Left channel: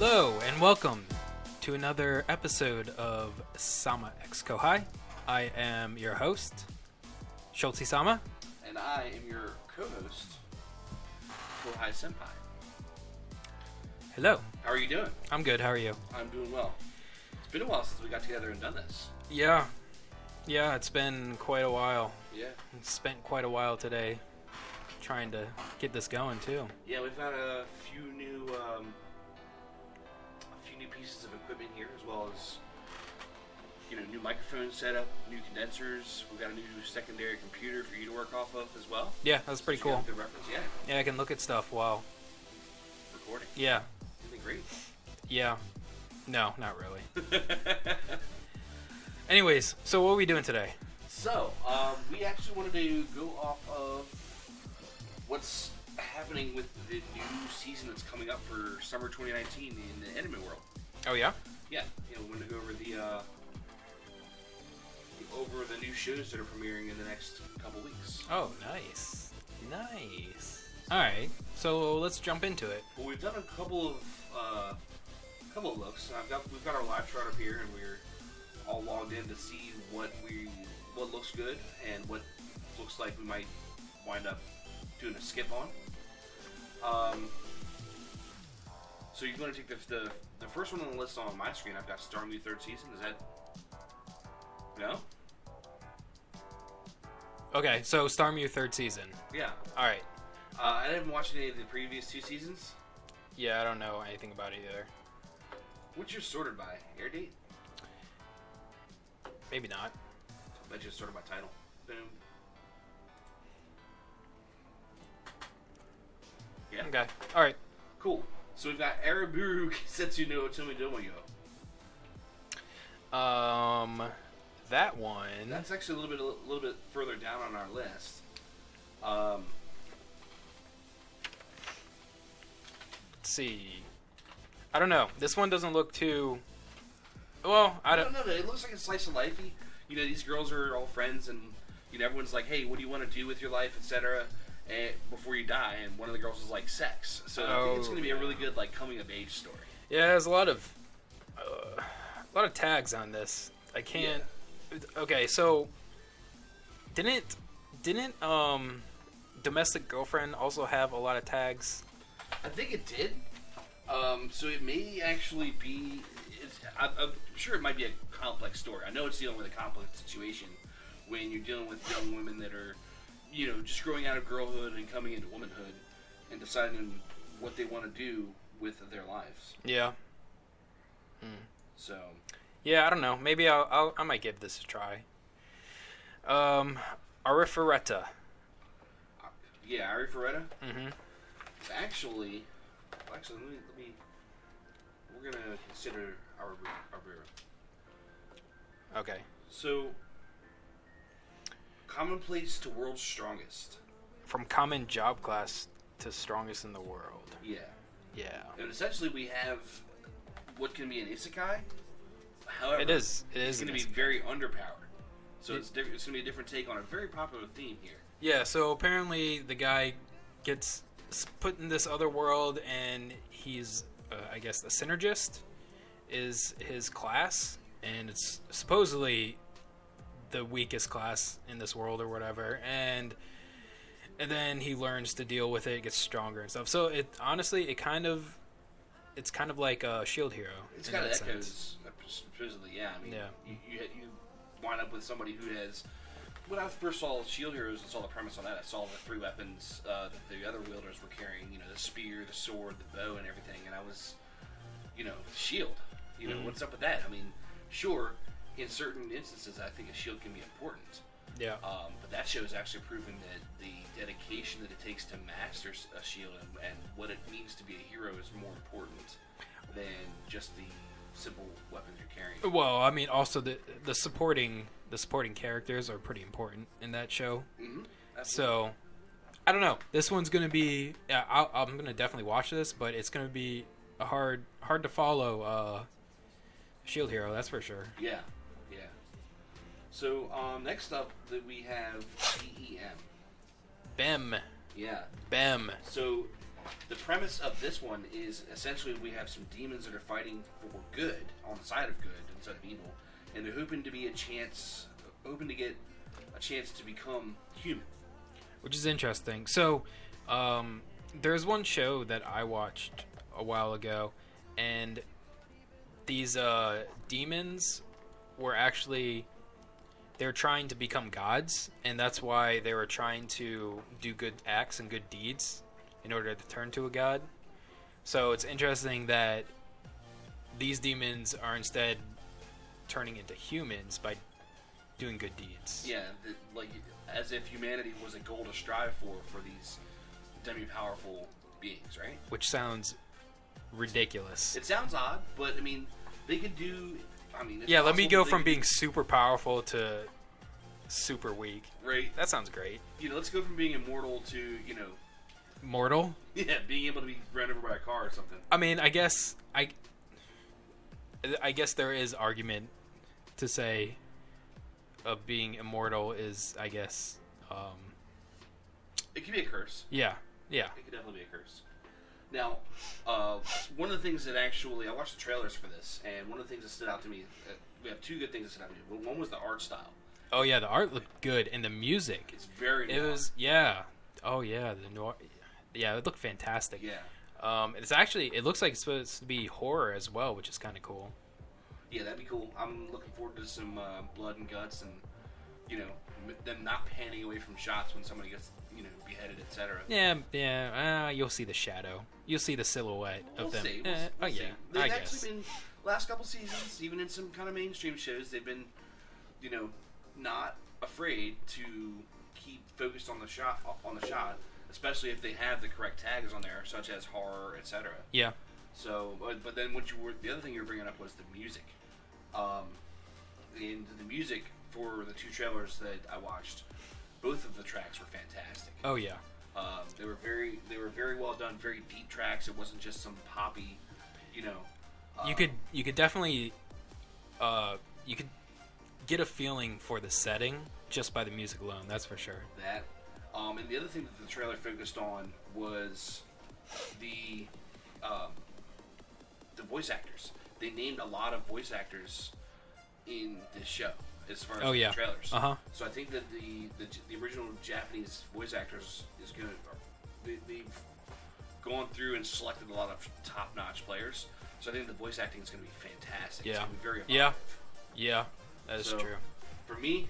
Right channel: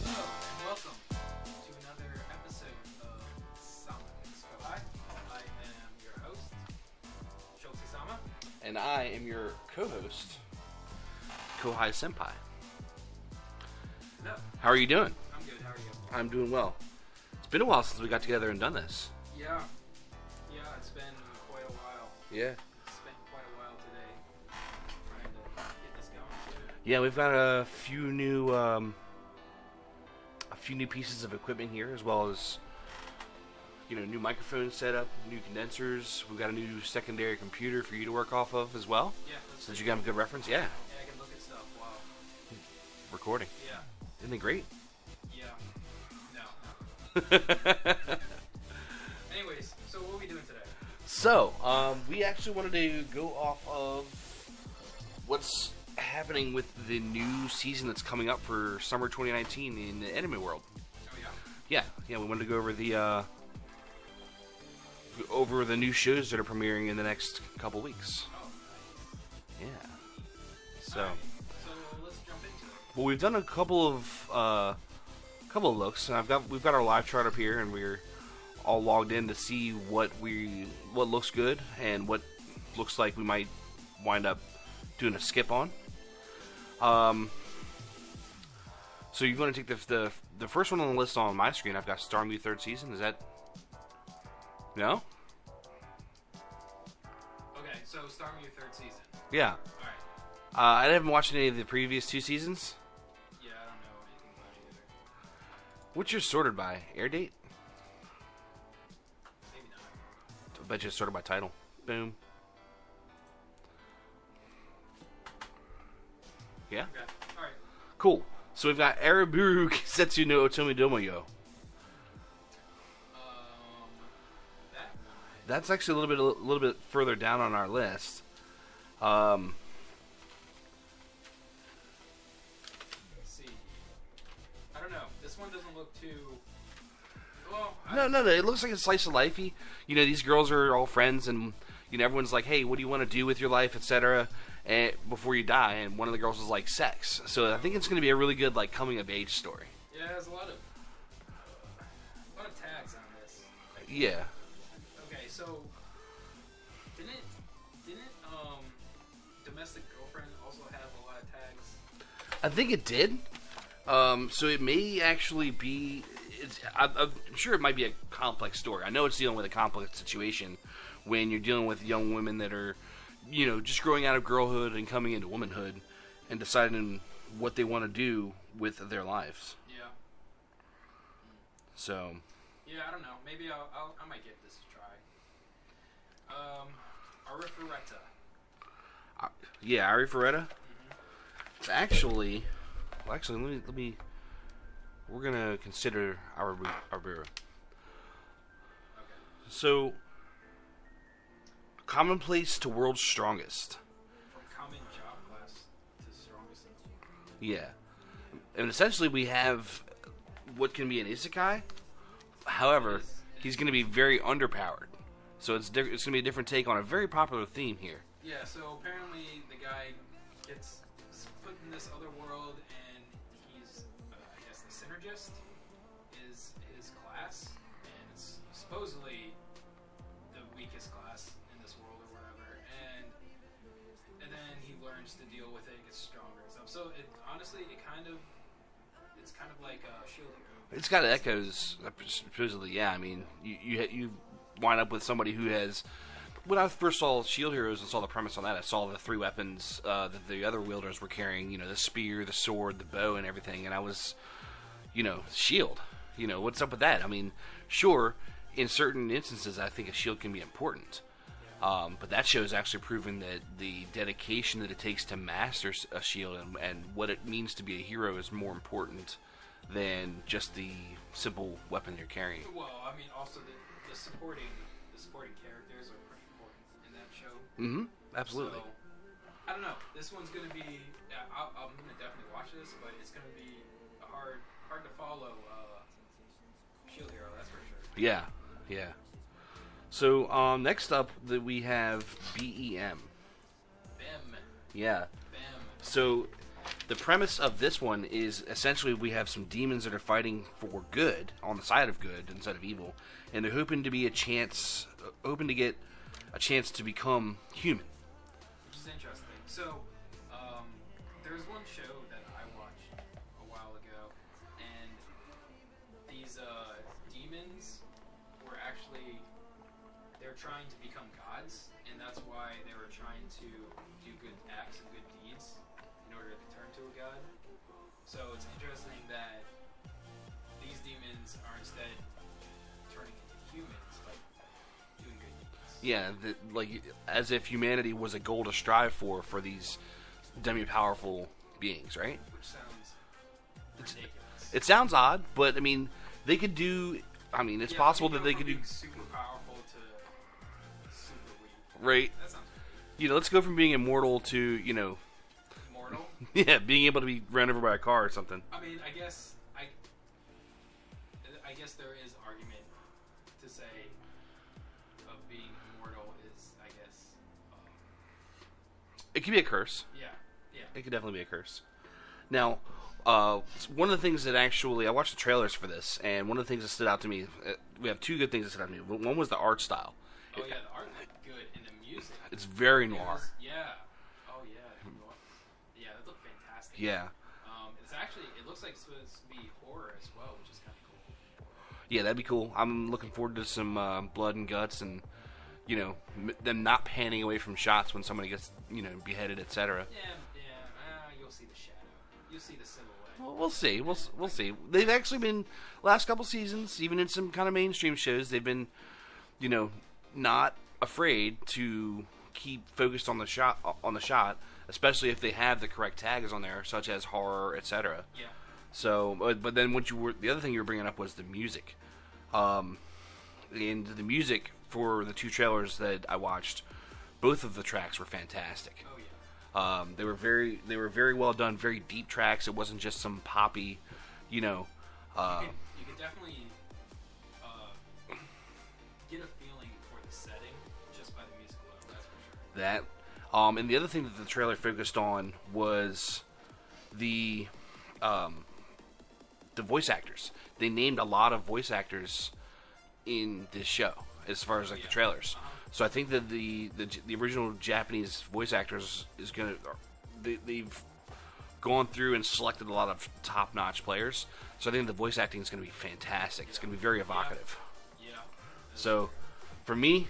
Hello and welcome to another episode of Sama x Kouhai. I am your host, Schultzie-Sama. And I am your co-host, Kouhai-Senpai. Hello. How are you doing? I'm good. How are you? I'm doing well. It's been a while since we got together and done this. Yeah, it's been quite a while. Yeah. Spent quite a while today trying to get this going too. Yeah, we've got a few new pieces of equipment here, as well as new microphone setup, new condensers. We've got a new secondary computer for you to work off of as well. Yeah, that's pretty so cool. You have a good reference. Yeah. Yeah, I can look at stuff while recording. Yeah. Isn't it great? Yeah. No, not really. Anyways, so what are we doing today? So, we actually wanted to go off of what's happening with the new season that's coming up for summer 2019 in the anime world. Oh yeah? Yeah, we wanted to go over the new shows that are premiering in the next couple weeks. Oh, nice. Yeah. Nice. So, all right, so let's jump into it. Well, we've done a couple of looks, and we've got our live chart up here, and we're all logged in to see what looks good and what looks like we might wind up doing a skip on. So you're going to take the first one on the list on my screen. I've got Storm the third season. Is that no? Okay, so Storm your third season. Yeah. All right. I haven't watched any of the previous two seasons. Yeah, I don't know anything about it either. What's yours sorted by? Air date? Maybe not. I bet you it's sorted by title. Boom. Yeah. Okay. All right. Cool. So we've got Araburu Kisetsu no Otomi Domoyo. That one. That's actually a little bit further down on our list. Let's see. I don't know. This one doesn't look too. Well, I don't. No. It looks like a slice of lifey. These girls are all friends, and everyone's like, "Hey, what do you want to do with your life, etc." And before you die, and one of the girls is like sex. So I think it's going to be a really good coming of age story. Yeah, there's a lot of tags on this. I can't. Yeah. Okay, so didn't Domestic Girlfriend also have a lot of tags? I think it did. So it may actually be. I'm sure it might be a complex story. I know it's dealing with a complex situation when you're dealing with young women that are, just growing out of girlhood and coming into womanhood and deciding what they want to do with their lives. Yeah. So. Yeah, I don't know. Maybe I might give this a try. Arifureta. Yeah, Arifureta. Mm-hmm. It's actually. Well, actually, let me. We're gonna consider Araburu. Okay. So. Commonplace to world's strongest. From common job class to strongest in the world. Yeah. Yeah. And essentially, we have what can be an isekai. However, he's going to be very underpowered. So it's going to be a different take on a very popular theme here. Yeah, so apparently the guy gets put in this other world, and he's, I guess, the synergist is his class, and it's supposedly the weakest class in this world or whatever, and then he learns to deal with it, gets stronger and stuff. So it's kind of like a Shield Hero. It's got echoes, supposedly. Yeah, I mean, yeah. You wind up with somebody who has. When I first saw Shield Heroes and saw the premise on that, I saw the three weapons that the other wielders were carrying. The spear, the sword, the bow, and everything. And I was, shield. What's up with that? I mean, sure, in certain instances, I think a shield can be important. Yeah. But that show is actually proving that the dedication that it takes to master a shield and what it means to be a hero is more important than just the simple weapon you're carrying. Well, I mean, also the supporting characters are pretty important in that show. Mm-hmm. Absolutely. So, I don't know. This one's gonna be. Yeah, I'm gonna definitely watch this, but it's gonna be a hard to follow Shield Hero. That's for sure. Yeah. So next up, we have BEM. BEM. Yeah. BEM. So The premise of this one is essentially we have some demons that are fighting for good, on the side of good instead of evil, and they're hoping to get a chance to become human. Which is interesting. So, there's one show that I watched a while ago, and these demons were actually, they're trying to become gods, and that's why they were trying to do good acts and good deeds in order to turn to a god. So it's interesting that these demons are instead turning into humans by doing good deeds. Yeah, like as if humanity was a goal to strive for these demi-powerful beings, right? Which sounds ridiculous. It sounds odd, but I mean, they could do. I mean, it's yeah. Let possible me go from being super powerful to super weak. Right. That sounds great. Let's go from being immortal to mortal. Yeah, being able to be run over by a car or something. I mean, I guess there is argument to say of being immortal is, I guess, it could be a curse. Yeah. It could definitely be a curse. Now, one of the things that actually, I watched the trailers for this, and one of the things that stood out to me, we have two good things that stood out to me. One was the art style. Oh yeah, the art looked good, and the music. It's very noir. It was, yeah. Oh yeah, the noir. Yeah, it looked fantastic. Yeah. It looks like it's supposed to be horror as well, which is kind of cool. Yeah, that'd be cool. I'm looking forward to some blood and guts, and them not panning away from shots when somebody gets beheaded, etc. Yeah. You'll see the shadow. You'll see the silhouette. We'll see. We'll see. They've actually been last couple seasons, even in some kind of mainstream shows, they've been, not afraid to keep focused on the shot, especially if they have the correct tags on there, such as horror, etc. Yeah. So, but then the other thing you were bringing up was the music, and the music for the two trailers that I watched, both of the tracks were fantastic. Oh yeah. They were very well done, very deep tracks. It wasn't just some poppy, you could definitely, you could get a feeling for the setting just by the music alone. That's for sure. That, and the other thing that the trailer focused on was the voice actors. They named a lot of voice actors in this show as far as the trailers. Uh-huh. So I think that the original Japanese voice actors is gonna they've gone through and selected a lot of top-notch players. So I think the voice acting is going to be fantastic. Yeah. It's going to be very evocative. Yeah, that is true. For me,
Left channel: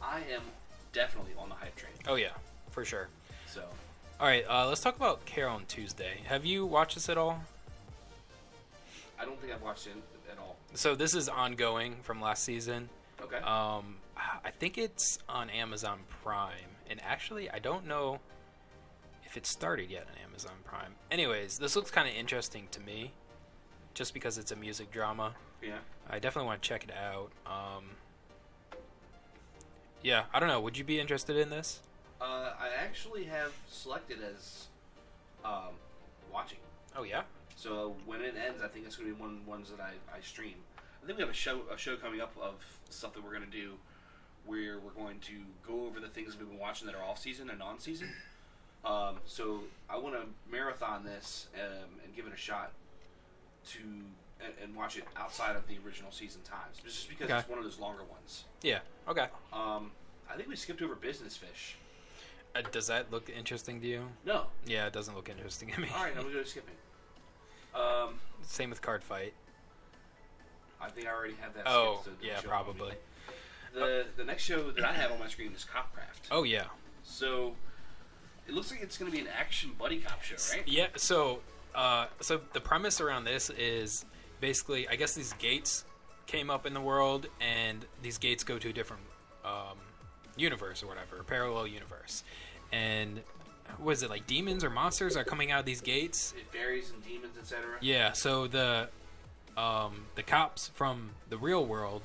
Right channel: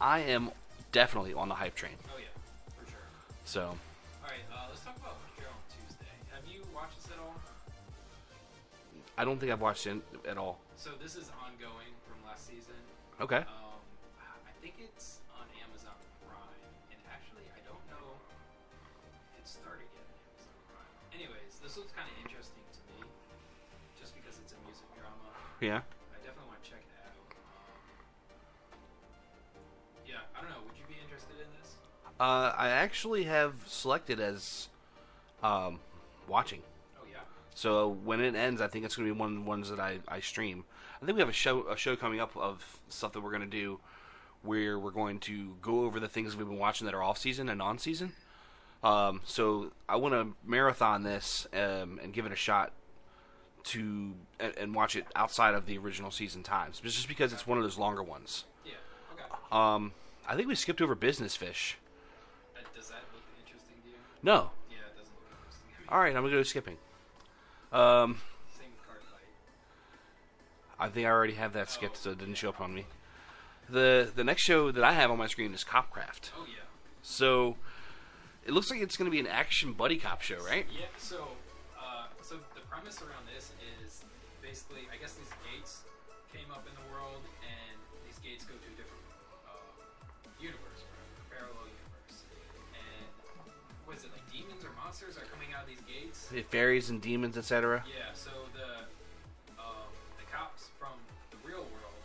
I am definitely on the hype train. Oh yeah, for sure. So, all right, let's talk about Carol on Tuesday. Have you watched this at all? I don't think I've watched it at all. So this is ongoing from last season. Okay. I think it's on Amazon Prime, and actually, I don't know if it started yet on Amazon Prime. Anyways, this looks kind of interesting to me, just because it's a music drama. Yeah. I definitely want to check it out. Yeah, I don't know. Would you be interested in this? I actually have selected as watching. Oh yeah. So when it ends, I think it's going to be one of the ones that I stream. I think we have a show coming up of stuff that we're going to do, where we're going to go over the things we've been watching that are off season and on season. So I want to marathon this and give it a shot and watch it outside of the original season times, just because it's one of those longer ones. Yeah. Okay. I think we skipped over Business Fish. Does that look interesting to you? No. Yeah, it doesn't look interesting to me. All right, I'm gonna go skipping. Same with Card Fight. I think I already have that skipped, so it didn't show probably. up on me. The next show that I have on my screen is Copcraft. Oh yeah. So it looks like it's going to be an action buddy cop show, right? Yeah. So the premise around this is basically, I guess these gates came up in the world, and these gates go to a different universe or whatever, parallel universe. And was it like demons or monsters are coming out of these gates? Fairies and demons, etc. Yeah. So the cops from the real world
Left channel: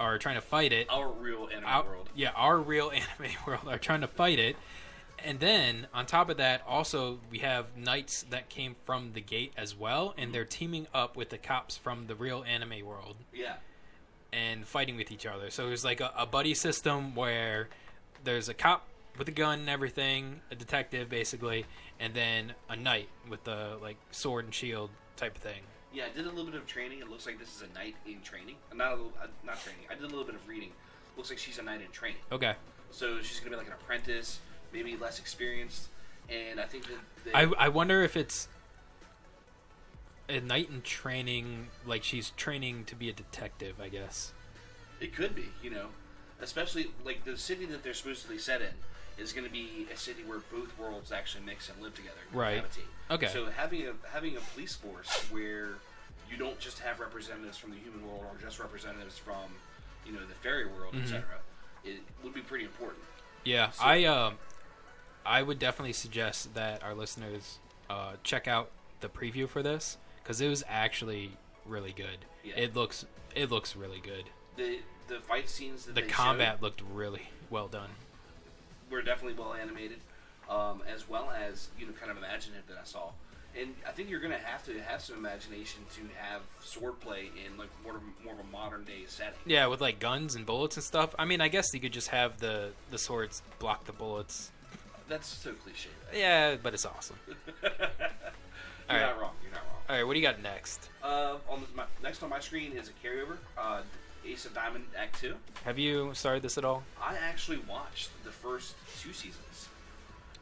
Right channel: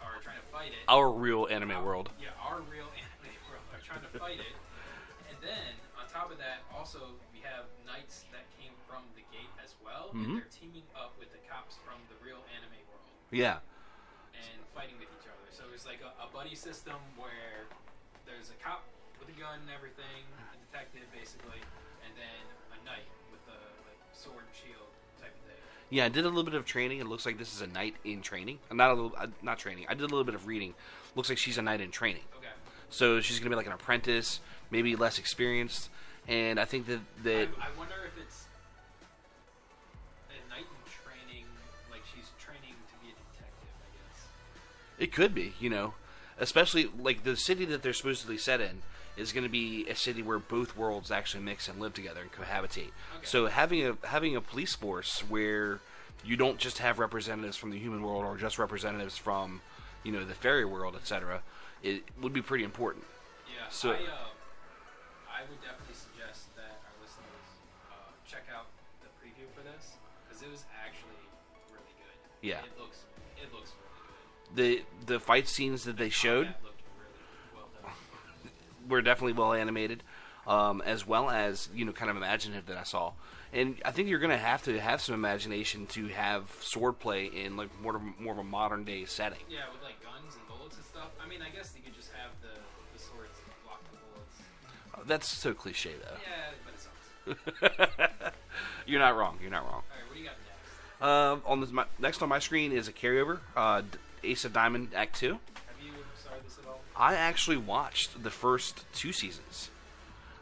are trying to fight it. Our real anime world. Yeah, our real anime world are trying to fight it. And then, on top of that, also, we have knights that came from the gate as well, and they're teaming up with the cops from the real anime world. Yeah. And fighting with each other. So there's like a buddy system where there's a cop with a gun and everything, a detective basically, and then a knight with the like sword and shield type of thing. Yeah, I did a little bit of training. It looks like this is a knight in training. Not training. I did a little bit of reading. Looks like she's a knight in training. Okay. So she's gonna be like an apprentice, maybe less experienced, and I think that I wonder if it's a knight in training, like she's training to be a detective, I guess. It could be, especially like the city that they're supposedly set in is going to be a city where both worlds actually mix and live together and cohabitate. Okay. So having a police force where you don't just have representatives from the human world or just representatives from, the fairy world, etc., it would be pretty important. Yeah, so, I would definitely suggest that our listeners check out the preview for this because it was actually really good. Yeah, it looks really good. The fight scenes that they showed, the combat looked really well done. Were definitely well animated, as well as kind of imaginative that I saw. And I think you're going to have some imagination to have swordplay in like more of a modern day setting. Yeah, with like guns and bullets and stuff. I mean, I guess you could just have the swords block the bullets. That's so cliche, though. Yeah, but it's awesome. You're not wrong. All right, what do you got next? Next on my screen is a carryover, Ace of Diamond Act 2. Have you started this at all? I actually watched the first 2 seasons.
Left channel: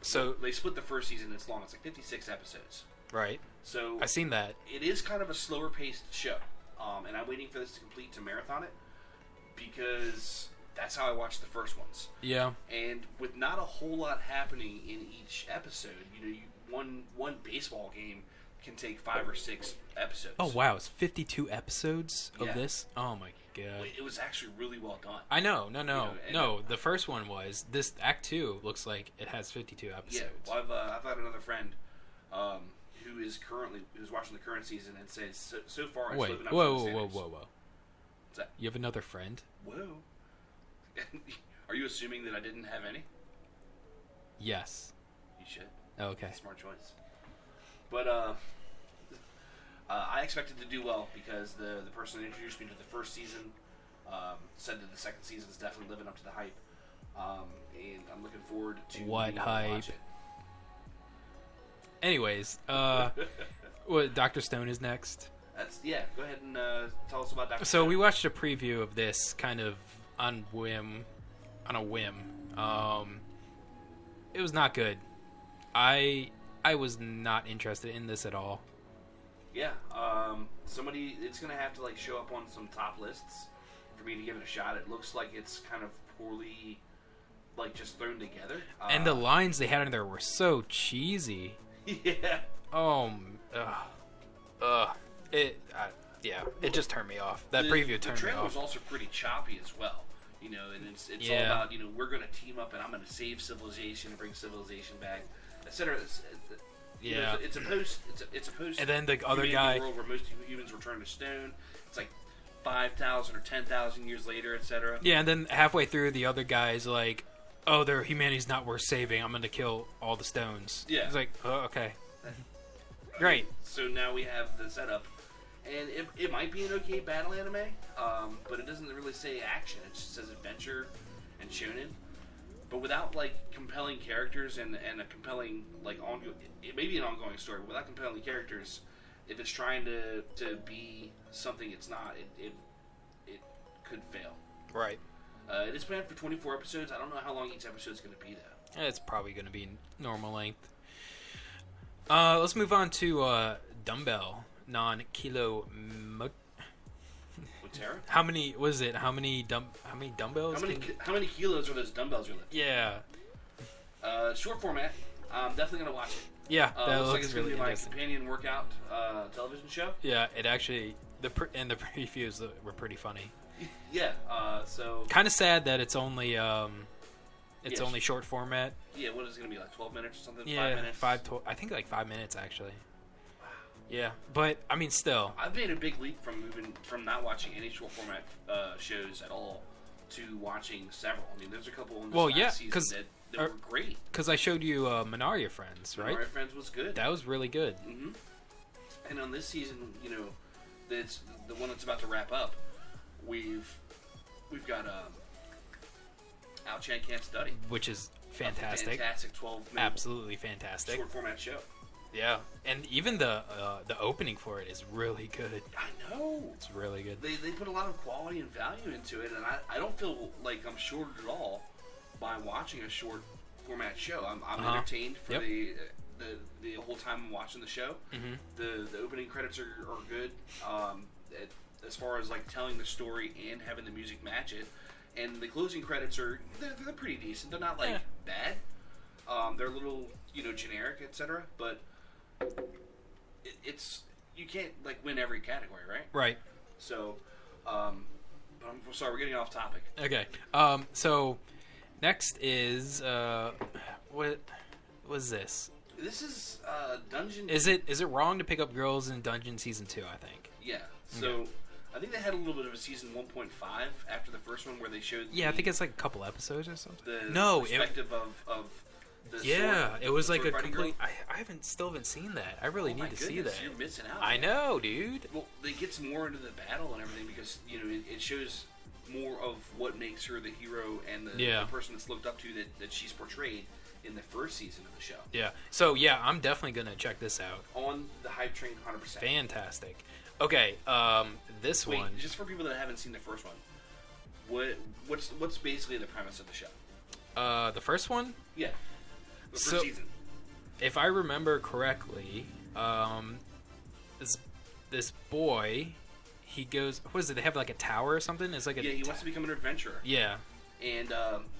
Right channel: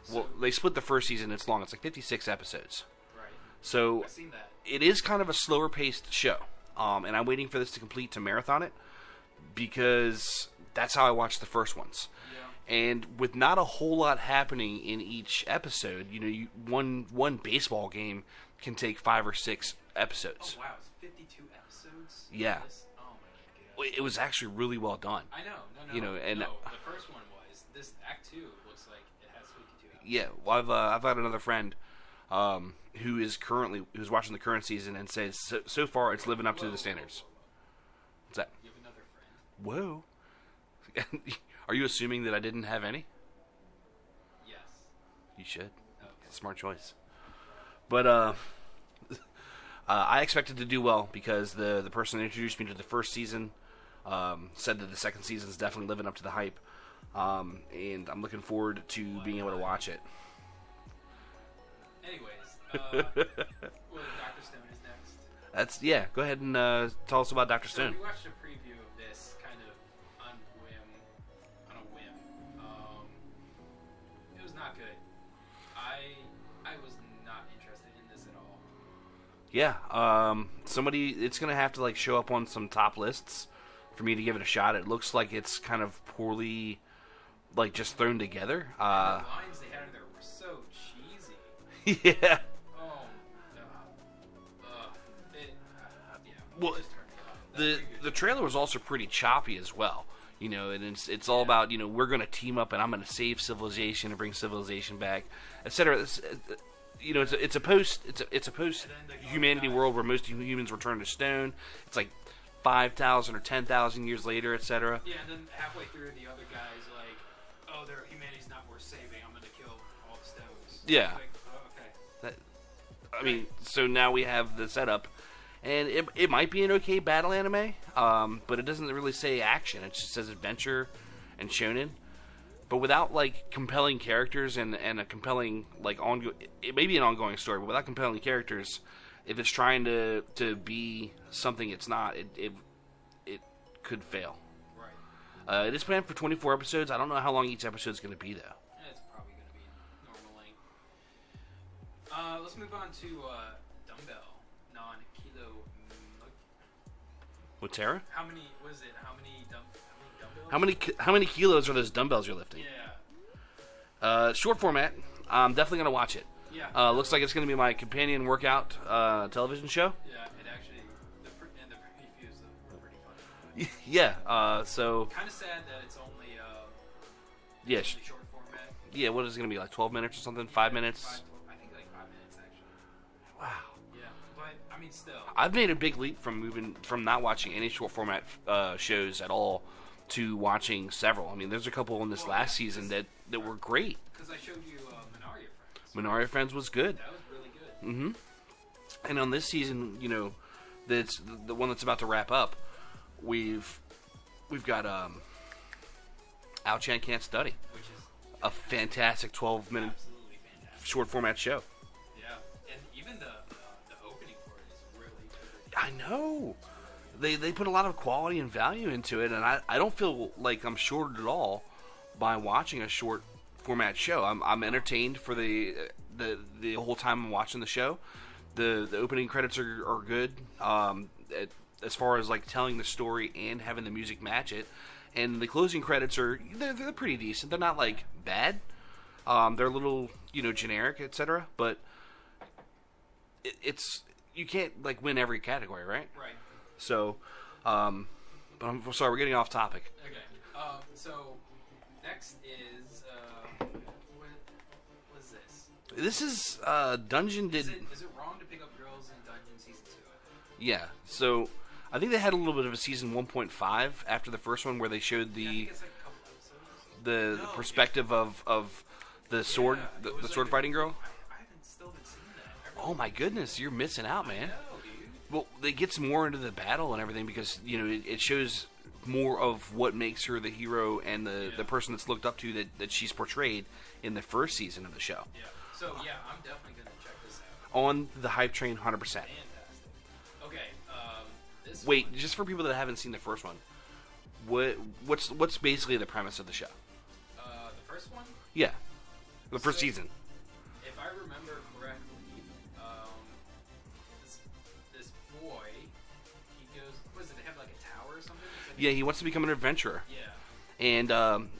So they split the first season. It's long. It's like 56 episodes. Right. So I've seen that. It is kind of a slower paced show, and I'm waiting for this to complete to marathon it because that's how I watched the first ones. Yeah. And with not a whole lot happening in each episode, one baseball game can take 5 or 6 episodes. Oh wow, it's 52 episodes of this. Oh my god. It was actually really well done. I know. No. The first one was this. Act 2 looks like it has 52 episodes. Yeah. Well, I've had another friend who's watching the current season and says so far it's living up to the standards. Whoa. What's that? You have another friend? Whoa. Are you assuming that I didn't have any? Yes. You should. Oh, okay. Smart choice. But I expected to do well because the person that introduced me to the first season said that the second season is definitely living up to the hype, and I'm looking forward to being able to watch it. Anyways, Dr. Stone is next. Go ahead and tell us about Dr. Stone. So we watched a preview of this kind of on a whim. It was not good. I was not interested in this at all. Yeah, it's gonna have to like show up on some top lists for me to give it a shot. It looks like it's kind of poorly, like just thrown together. And the lines they had in there were so cheesy. Yeah. It just turned me off. That preview. The trailer was also pretty choppy as well. And it's all about we're gonna team up and I'm gonna save civilization and bring civilization back, etc. It's a post and then the other humanity world where most humans were turned to stone. It's like 5,000 or 10,000 years later, etc. Yeah, and then halfway through, the other guy's like, "Oh, their humanity's not worth saving. I'm gonna kill all the stones." Yeah, it's like, oh, okay, great. So now we have the setup, and it might be an okay battle anime, but it doesn't really say action. It just says adventure and shonen. But without like compelling characters and a compelling like it may be an ongoing story, but without compelling characters, if it's trying to be something it's not, it could fail. Right. It is planned for 24 episodes. I don't know how long each episode is going to be though. It's probably going to be normal length. Let's move on to Dumbbell non-kilo. Whatera? How many dumbbells? How many kilos are those dumbbells you're lifting? Yeah. Short format. I'm definitely gonna watch it. Yeah. Looks like it's gonna be my companion workout television show. Yeah. It actually the previews were pretty funny. Yeah. So. Kind of sad that it's only only short format. Yeah. What is it gonna be like 12 minutes or something? Yeah, 5 minutes. I think like 5 minutes actually. Wow. Yeah, but I mean, still, I've made a big leap from moving from not watching any short format shows at all to watching several. I mean, there's a couple in this last season that were great. Because I showed you Minaria Friends. Right? Minaria Friends was good. That was really good. Mm-hmm. And on this season, that's the one that's about to wrap up. We've got Ao-chan Can't Study, which is fantastic. A fantastic 12-minute, absolutely fantastic, short format show. Yeah, and even the opening for it is really good. I know. It's really good. They put a lot of quality and value into it, and I don't feel like I'm shorted at all by watching a short format show. I'm entertained for the whole time I'm watching the show. Mm-hmm. The opening credits are good. As far as like telling the story and having the music match it, and the closing credits they're pretty decent. They're not like bad. They're a little generic, etc. But it's you can't like win every category, right? Right. So, but I'm sorry, we're getting off topic. Okay. So next is what was this? This is Dungeon. Is it wrong to pick up girls in Dungeon Season 2? I think. Yeah. So I think they had a little bit of a season 1.5 after the first one, where they showed I think it's like a couple episodes or something. The perspective of the sword. It was like sword fighting girl. I still haven't seen that. I really. Oh my goodness, you're missing out. I man. know, dude. Well, it gets more into the battle and everything because it shows more of what makes her the hero and the person that's looked up to that she's portrayed in the first season of the show. Yeah. So yeah, I'm definitely gonna check this out. On the hype train, 100%. Fantastic. Okay. This Wait, one. just for people that haven't seen the first one, what's basically the premise of the show? The first one. Yeah. The first season. If I remember correctly, this boy, he goes. What is it? They have like a tower or something. It's like he wants to become an adventurer. Yeah. And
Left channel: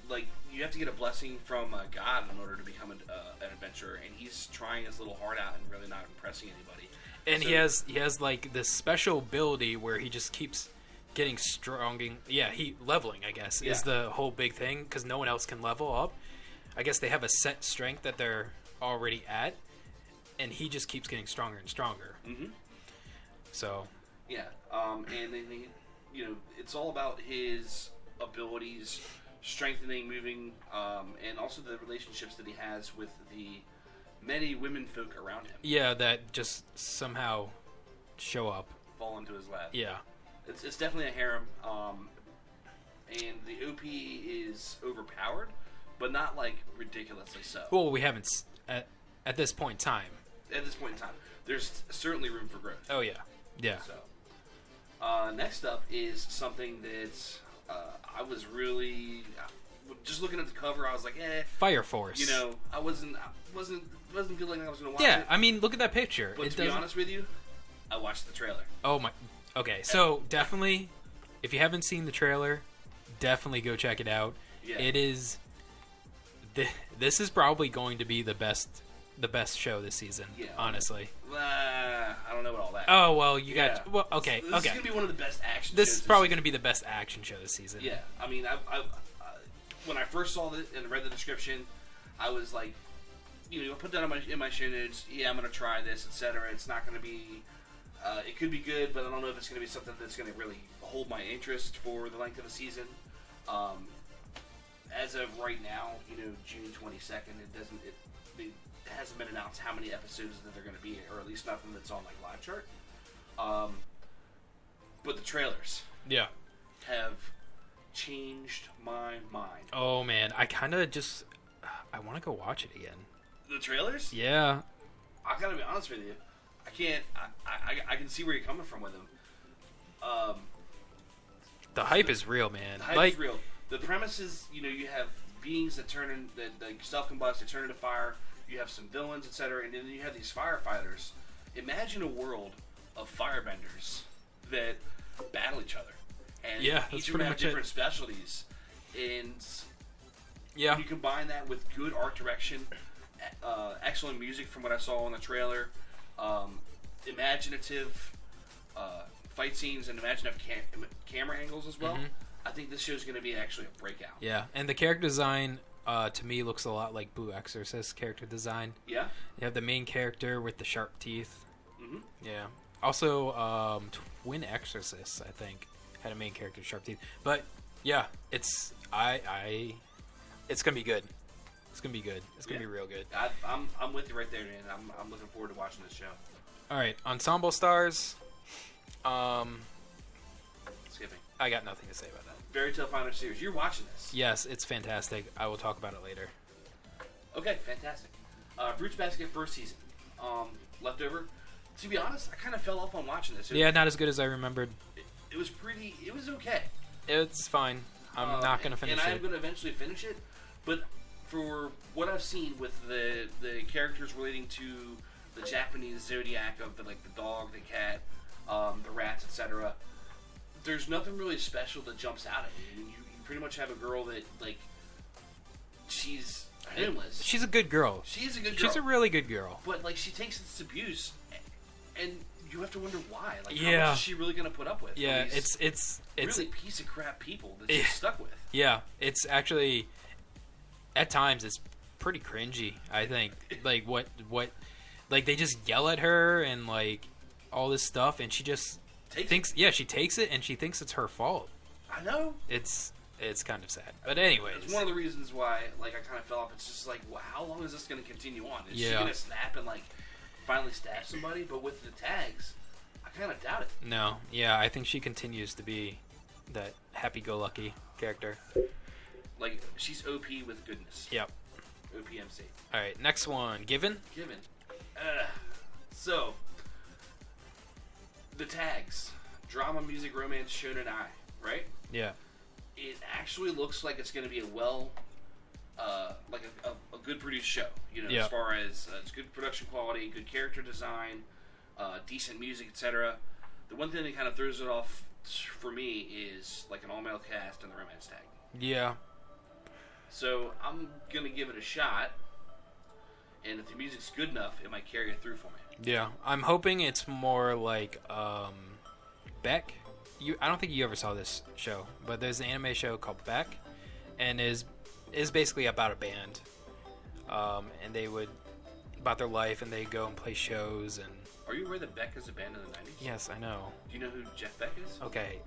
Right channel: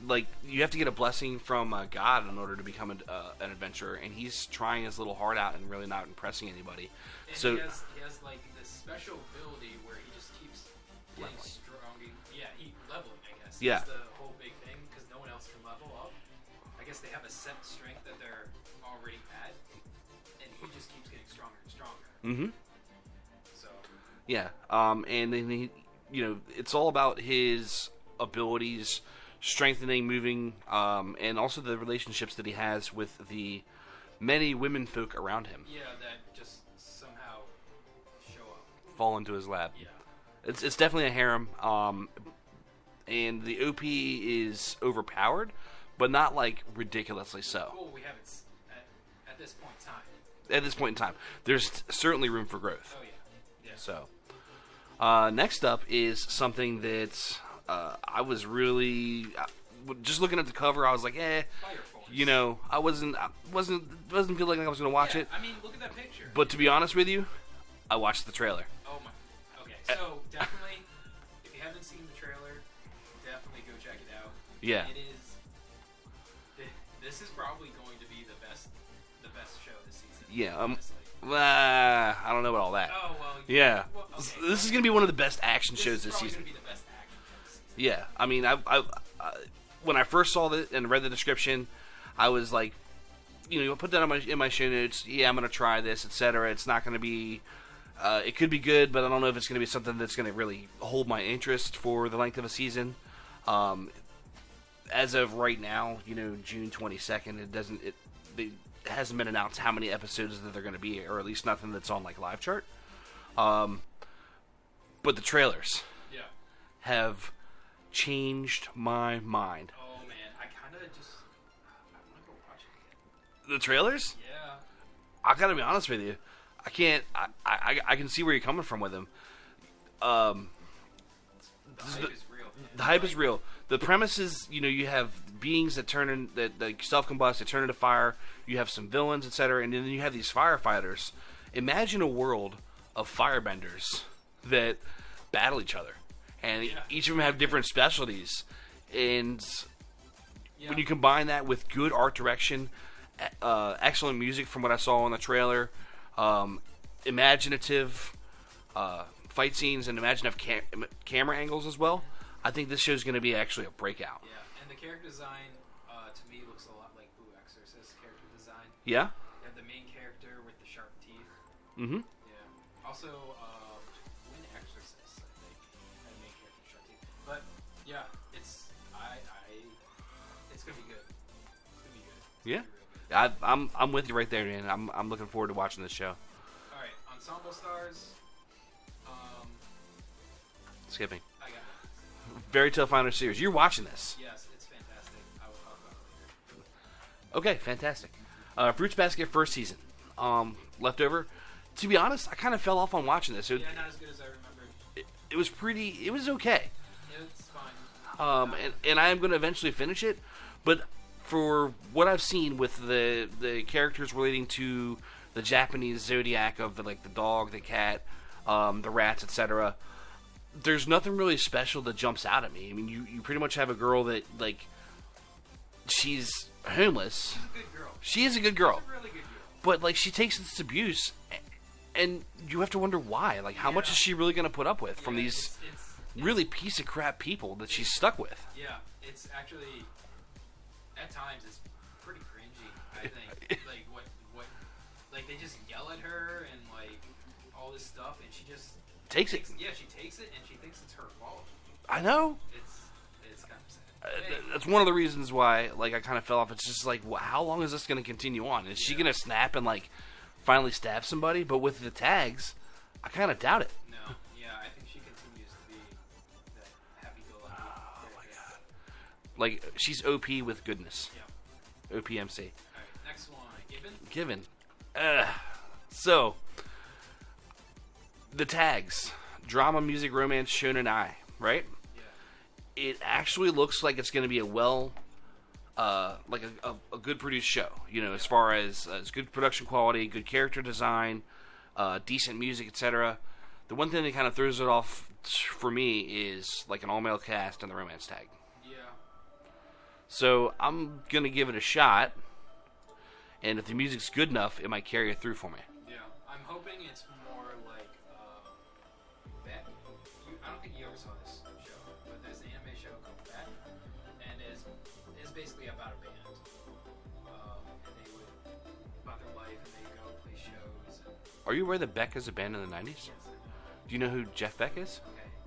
like you have to get a blessing from God in order to become an adventurer, and he's trying his little heart out and really not impressing anybody. And he has like this special ability where he just keeps getting strong. Yeah, leveling, I guess, is the whole big thing because no one else can level up. I guess they have a set strength that they're already at, and he just keeps getting stronger and stronger. Mm-hmm. So. Yeah, and then he, it's all about his abilities, strengthening, moving, and also the relationships that he has with the many women folk around him. Yeah, that just somehow show up, fall into his lap. Yeah, it's definitely a harem, and the OP is overpowered, but not like ridiculously so. Well, we haven't at this point in time. At this point in time, there's certainly room for growth. Oh yeah, yeah. So, next up is something that I was really just looking at the cover. I was like, Fire Force. I wasn't feeling like I was going to watch it. I mean, look at that picture. But to be honest with you, I watched the trailer. Oh my. Okay, so definitely, if you haven't seen the trailer, definitely go check it out. Yeah, it is. This is probably going to be the best show this season. Yeah, honestly. I don't know about all that. Oh well, okay. This is gonna be one of the best action shows. This is probably gonna be the best action show this season. Yeah, I mean, I when I first saw it and read the description, I was like, I put that in my show notes. Yeah, I'm gonna try this, etc. It's not gonna be. It could be good, but I don't know if it's gonna be something that's gonna really hold my interest for the length of a season. As of right now, June 22nd, it hasn't been announced how many episodes that they're going to be, or at least nothing that's on like live chart. But the trailers, have changed my mind. Oh man, I kind of I want to go watch it again. The trailers? Yeah. I gotta be honest with you, I can't. I can see where you're coming from with them. The hype is real, man. The hype is real. The premise is, you have beings that self-combust, they turn into fire. You have some villains, etc., and then you have these firefighters. Imagine a world of firebenders that battle each other, and each of them have different specialties. And when you combine that with good art direction, excellent music from what I saw in the trailer, imaginative fight scenes, and imaginative camera angles as well. Mm-hmm. I think this show is going to be actually a breakout. Yeah, and the character design, to me, looks a lot like Boo Exorcist character design. Yeah? You have the main character with the sharp teeth. Mm-hmm. Yeah. Also, Twin Exorcists, I think, had a main character with sharp teeth. But, yeah, it's going to be good. It's going to be good. It's going to be real good. I'm with you right there, man. I'm looking forward to watching this show. All right, Ensemble Stars. Skipping. I got nothing to say about that. Very Tough Final Series. You're watching this. Yes, it's fantastic. I will talk about it later. Okay, fantastic. Fruits Basket first season. Leftover. To be honest, I kind of fell off on watching this. Yeah, not as good as I remembered. It was pretty. It was okay. It's fine. I'm not going to finish it. And I am going to eventually finish it. But for what I've seen with the characters relating to the Japanese zodiac of the dog, the cat, the rats, etc., there's nothing really special that jumps out at me. I mean, you pretty much have a girl that, she's homeless. She's a good girl. She is a good girl. She's a really good girl. But, she takes this abuse, and you have to wonder why. How much is she really going to put up with from these it's really piece of crap people that she's stuck with? Yeah, it's actually, at times, it's pretty cringy, I think. They just yell at her and, all this stuff, and she just thinks it. Yeah, she takes it, and she thinks it's her fault. I know. It's kind of sad. But anyway. It's one of the reasons why, I kind of fell off. It's just how long is this going to continue on? Is she going to snap and, finally stab somebody? But with the tags, I kind of doubt it. No. Yeah, I think she continues to be that happy-go-lucky character. She's OP with goodness. Yep. OPMC. All right, next one. Given. So, the tags. Drama, music, romance, shonen ai, right? Yeah. It actually looks like it's going to be a a good produced show. As far as good production quality, good character design, decent music, etc. The one thing that kind of throws it off for me is an all-male cast and the romance tag. Yeah. So I'm going to give it a shot, and if the music's good enough, it might carry it through for me. Yeah. I'm hoping it's more like Beck. I don't think you ever saw this show, but there's an anime show called Beck, and is basically about a band, and they would about their life, and they go and play shows. And are you aware that Beck is a band in the 90s? Yes, I know. Do you know who Jeff Beck is? Okay,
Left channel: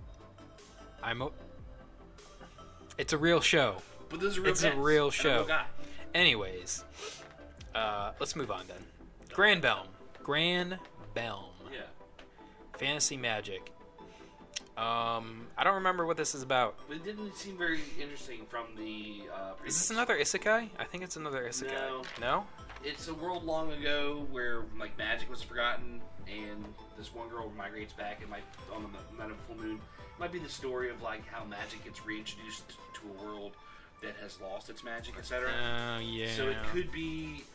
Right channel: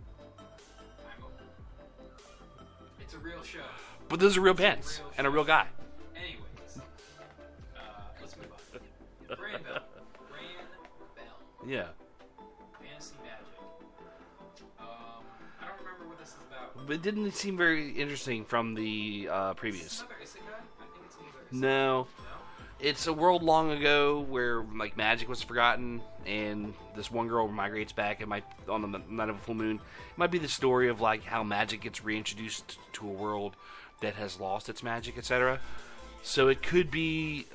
it's a real show. But there's a real band. It's a real show and a real guy. Anyways, let's move on then. Grand Belm. Yeah. Fantasy Magic. I don't remember what this is about. But it didn't seem very interesting from the previous. Is this another isekai? I think it's another isekai. No. No? It's a world long ago where magic was forgotten, and this one girl migrates back. It might on the night of a full moon. It might be the story of how magic gets reintroduced to a world that has lost its magic, etc. Yeah. So it could be.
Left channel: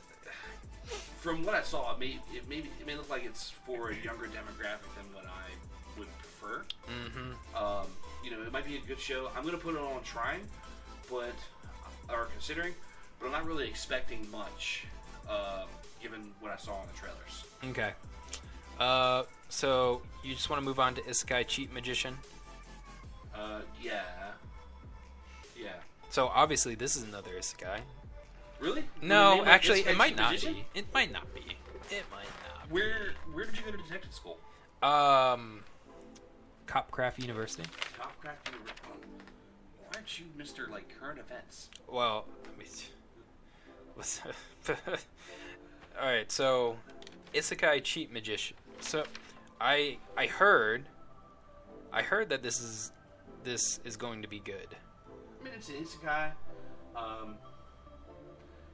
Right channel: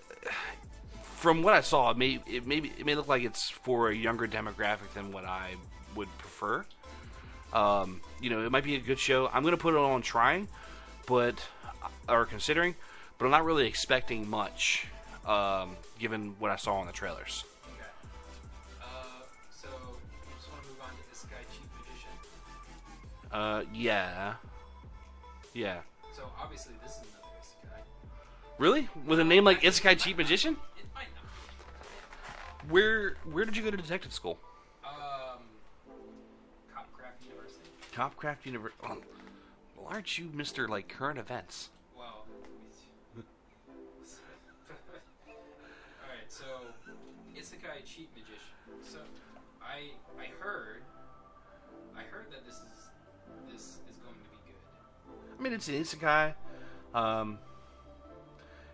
From what I saw, it may look like it's for a younger demographic than what I would prefer. Mm-hmm. It might be a good show. I'm going to put it on trying, or considering, but I'm not really expecting much, given what I saw in the trailers. Okay. So you just want to move on to Isekai Cheat Magician? Yeah. So obviously this is another Isekai. Really? No, with a name like actually, Isekai Cheat Magician? It might not be. Where did you go to detective school? Copcraft University. Copcraft University. Well, aren't you Mr. Current events? Well, all right. So, Isekai Cheat Magician. So, I heard that this is going to be good. I mean, it's an isekai.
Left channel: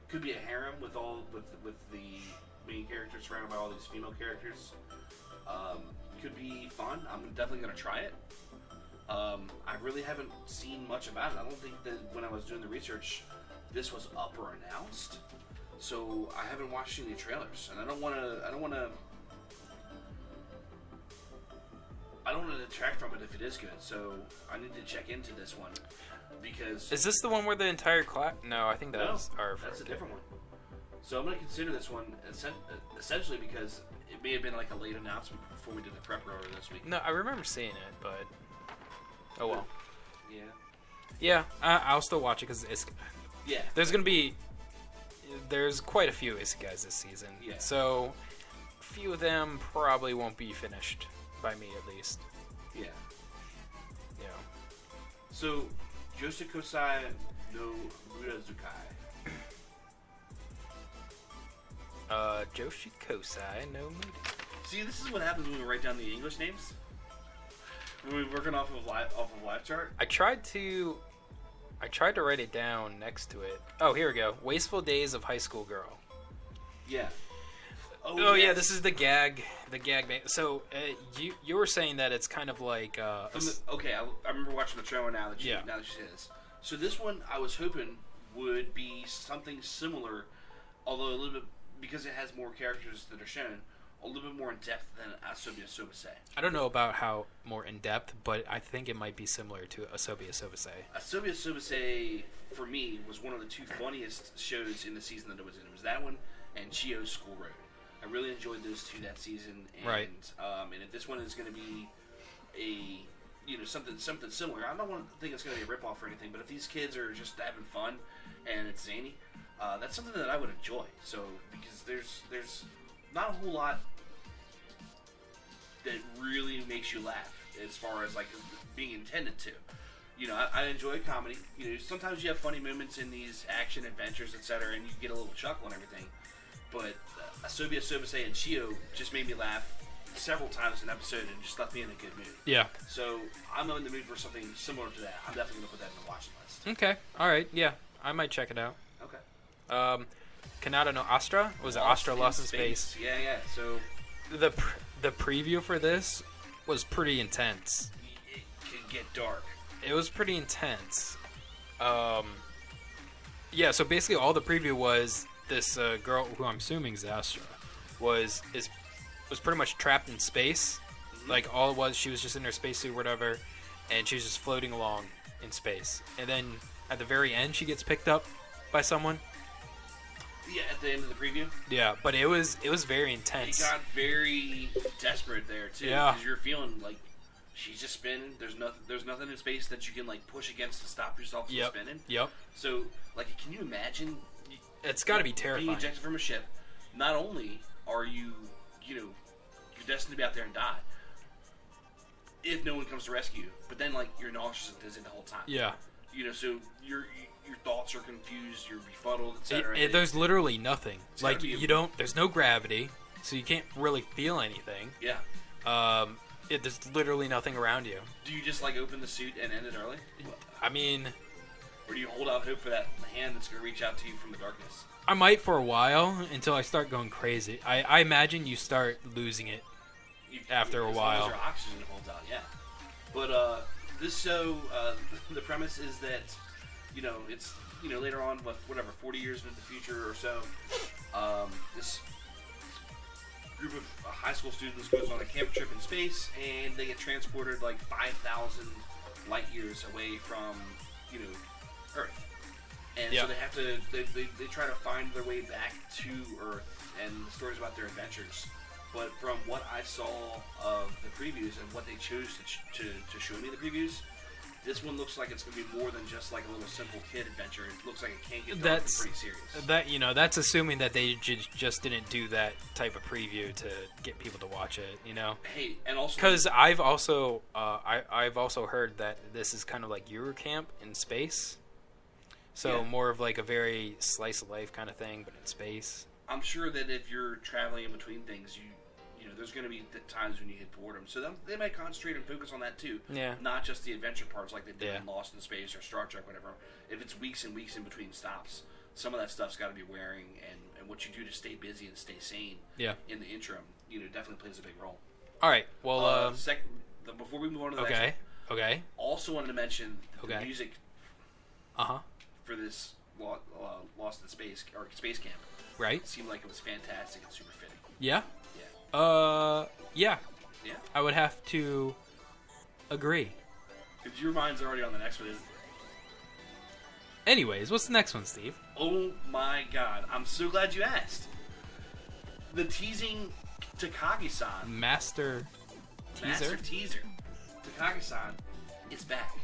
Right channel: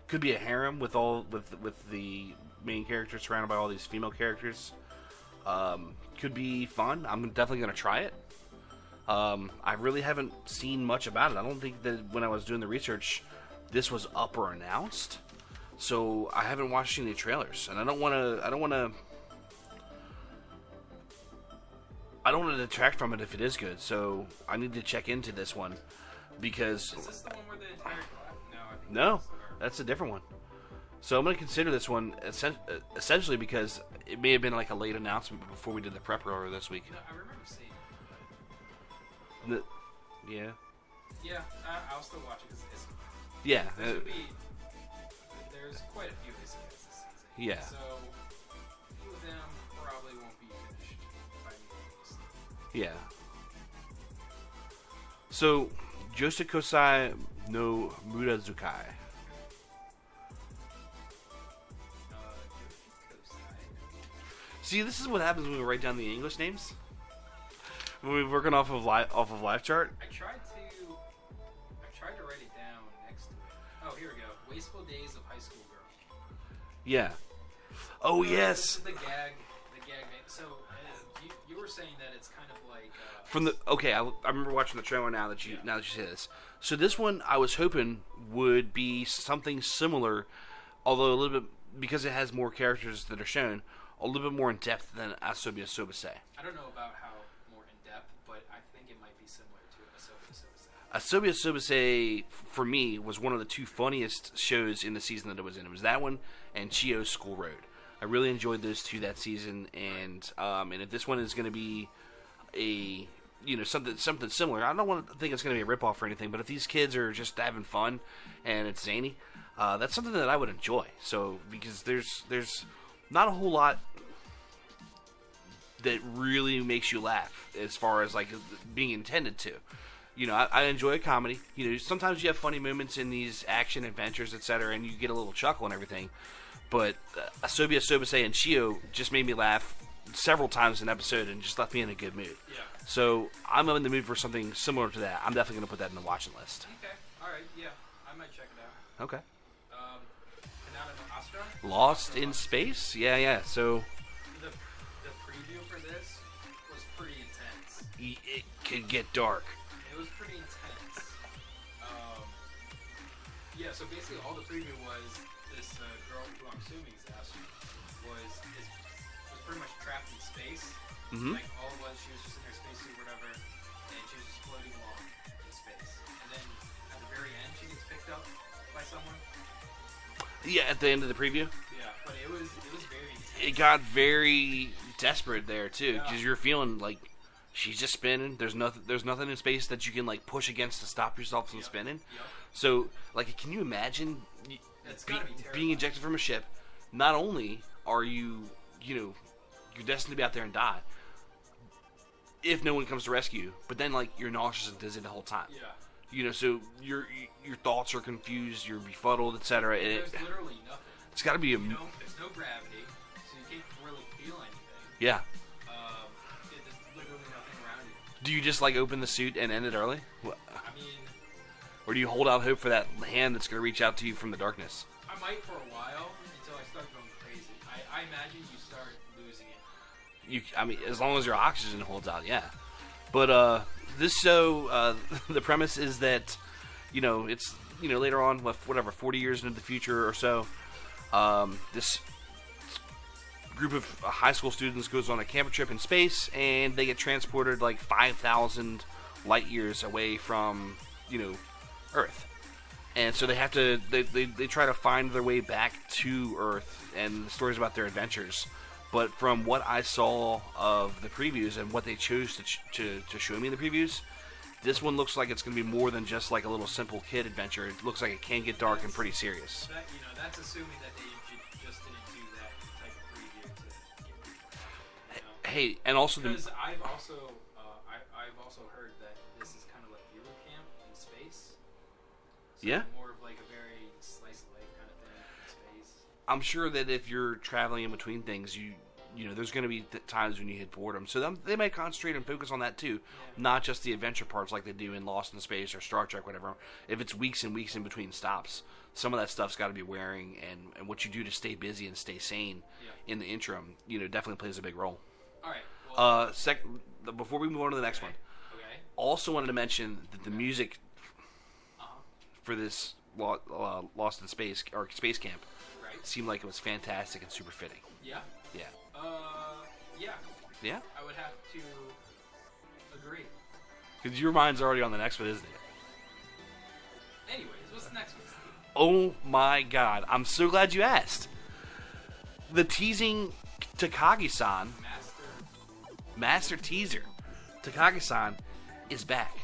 Could be a harem with the main character surrounded by all these female characters. Could be fun. I'm definitely going to try it. I really haven't seen much about it. I don't think that when I was doing the research, this was up or announced. So I haven't watched any trailers, and I don't want to detract from it if it is good. So I need to check into this one because is this the one where the entire class? No, I think that's a different one. So I'm going to consider this one essentially because it may have been a late announcement before we did the prep earlier this week. No, I remember seeing it, but oh well. Yeah. Yeah, I'll still watch it because it's. Yeah. There's quite a few isekais this season. Yeah. So, a few of them probably won't be finished by me at least. Yeah. Yeah. So, Josekosai no Murazukai. Joshikosai no. See, this is what happens when we write down the English names. When we're working off of live chart. I tried to I tried to write it down next to it. Oh, here we go. Wasteful Days of High School Girl. Yeah. Oh yes. Yeah, this is the gag. The gag. So you were saying that it's kind of like from the I remember watching the trailer now that you say this. So this one I was hoping would be something similar, although a little bit because it has more characters that are shown, a little bit more in depth than Asobi Asobase. I don't know about how more in depth, but I think it might be similar to Asobi Asobase. Asobi Asobase for me was one of the two funniest shows in the season that it was in. It was that one and Chio's School Road. I really enjoyed those two that season, and and if this one is going to be a something similar, I don't want to think it's going to be a ripoff or anything. But if these kids are just having fun and it's zany, that's something that I would enjoy. So because there's not a whole lot that really makes you laugh as far as like being intended to. I enjoy a comedy. Sometimes you have funny moments in these action adventures, etc., and you get a little chuckle and everything. But Asobi Asobase and Chio just made me laugh several times an episode and just left me in a good mood. Yeah. So I'm in the mood for something similar to that. I'm definitely going to put that in the watching list. Okay. All right. Yeah. I might check it out. Okay. Kanata no Astra? Was Lost it Astra in Lost in Space? Yeah. So the preview for this was pretty intense. It can get dark. It was pretty intense. Yeah, so basically all the preview was this girl, who I'm assuming is Astra, was pretty much trapped in space. Mm-hmm. Like all it was, she was just in her spacesuit or whatever, and she was just floating along in space. And then at the very end, she gets picked up by someone. Yeah, at the end of the preview. Yeah, but it was very intense. It got very desperate there too, because you're feeling like she's just spinning. There's nothing in space that you can like push against to stop yourself from spinning. Yep. So like, can you imagine? It's got to be terrifying. Being ejected from a ship. Not only are you're destined to be out there and die if no one comes to rescue you, but then like you're nauseous and dizzy the whole time. Yeah. So your thoughts are confused, you're befuddled, etc. There's literally nothing. It's got to be there's no gravity, so you can't really feel anything. Yeah. There's literally nothing around you. Do you just like open the suit and end it early? I mean, or do you hold out hope for that hand that's going to reach out to you from the darkness? I might for a while until I start going crazy. I imagine you start losing it after a while. As long as your oxygen holds out, yeah. But this show, the premise is that, it's, later on, 40 years into the future or so, this group of high school students goes on a camper trip in space, and they get transported like 5,000 light years away from, Earth. And so they have to, they try to find their way back to Earth, and the story's about their adventures. But from what I saw of the previews and what they chose to show me in the previews, this one looks like it's going to be more than just like a little simple kid adventure. It looks like it can get dark and pretty serious. That's assuming that they just didn't do that type of preview to get people to watch it. Hey, and also because I've also heard that this is kind of like Eurocamp in space. So more of like a very slice of life kind of thing, but in space. I'm sure that if you're traveling in between things, there's going to be times when you hit boredom. So they might concentrate and focus on that too. Yeah. Not just the adventure parts like they did in Lost in Space or Star Trek, whatever. If it's weeks and weeks in between stops, some of that stuff's got to be wearing, and what you do to stay busy and stay sane in the interim, definitely plays a big role. All right. Well, before we move on to the next one. Okay. Also wanted to mention that the music for this Lost in Space or Space Camp seemed like it was fantastic and super fitting. Yeah? Yeah. Yeah. Yeah? I would have to agree. Because your mind's already on the next one, isn't it? Anyways, what's the next one, Steve? Oh my god. I'm so glad you asked. The teasing Takagi-san. Master teaser. Takagi-san is back.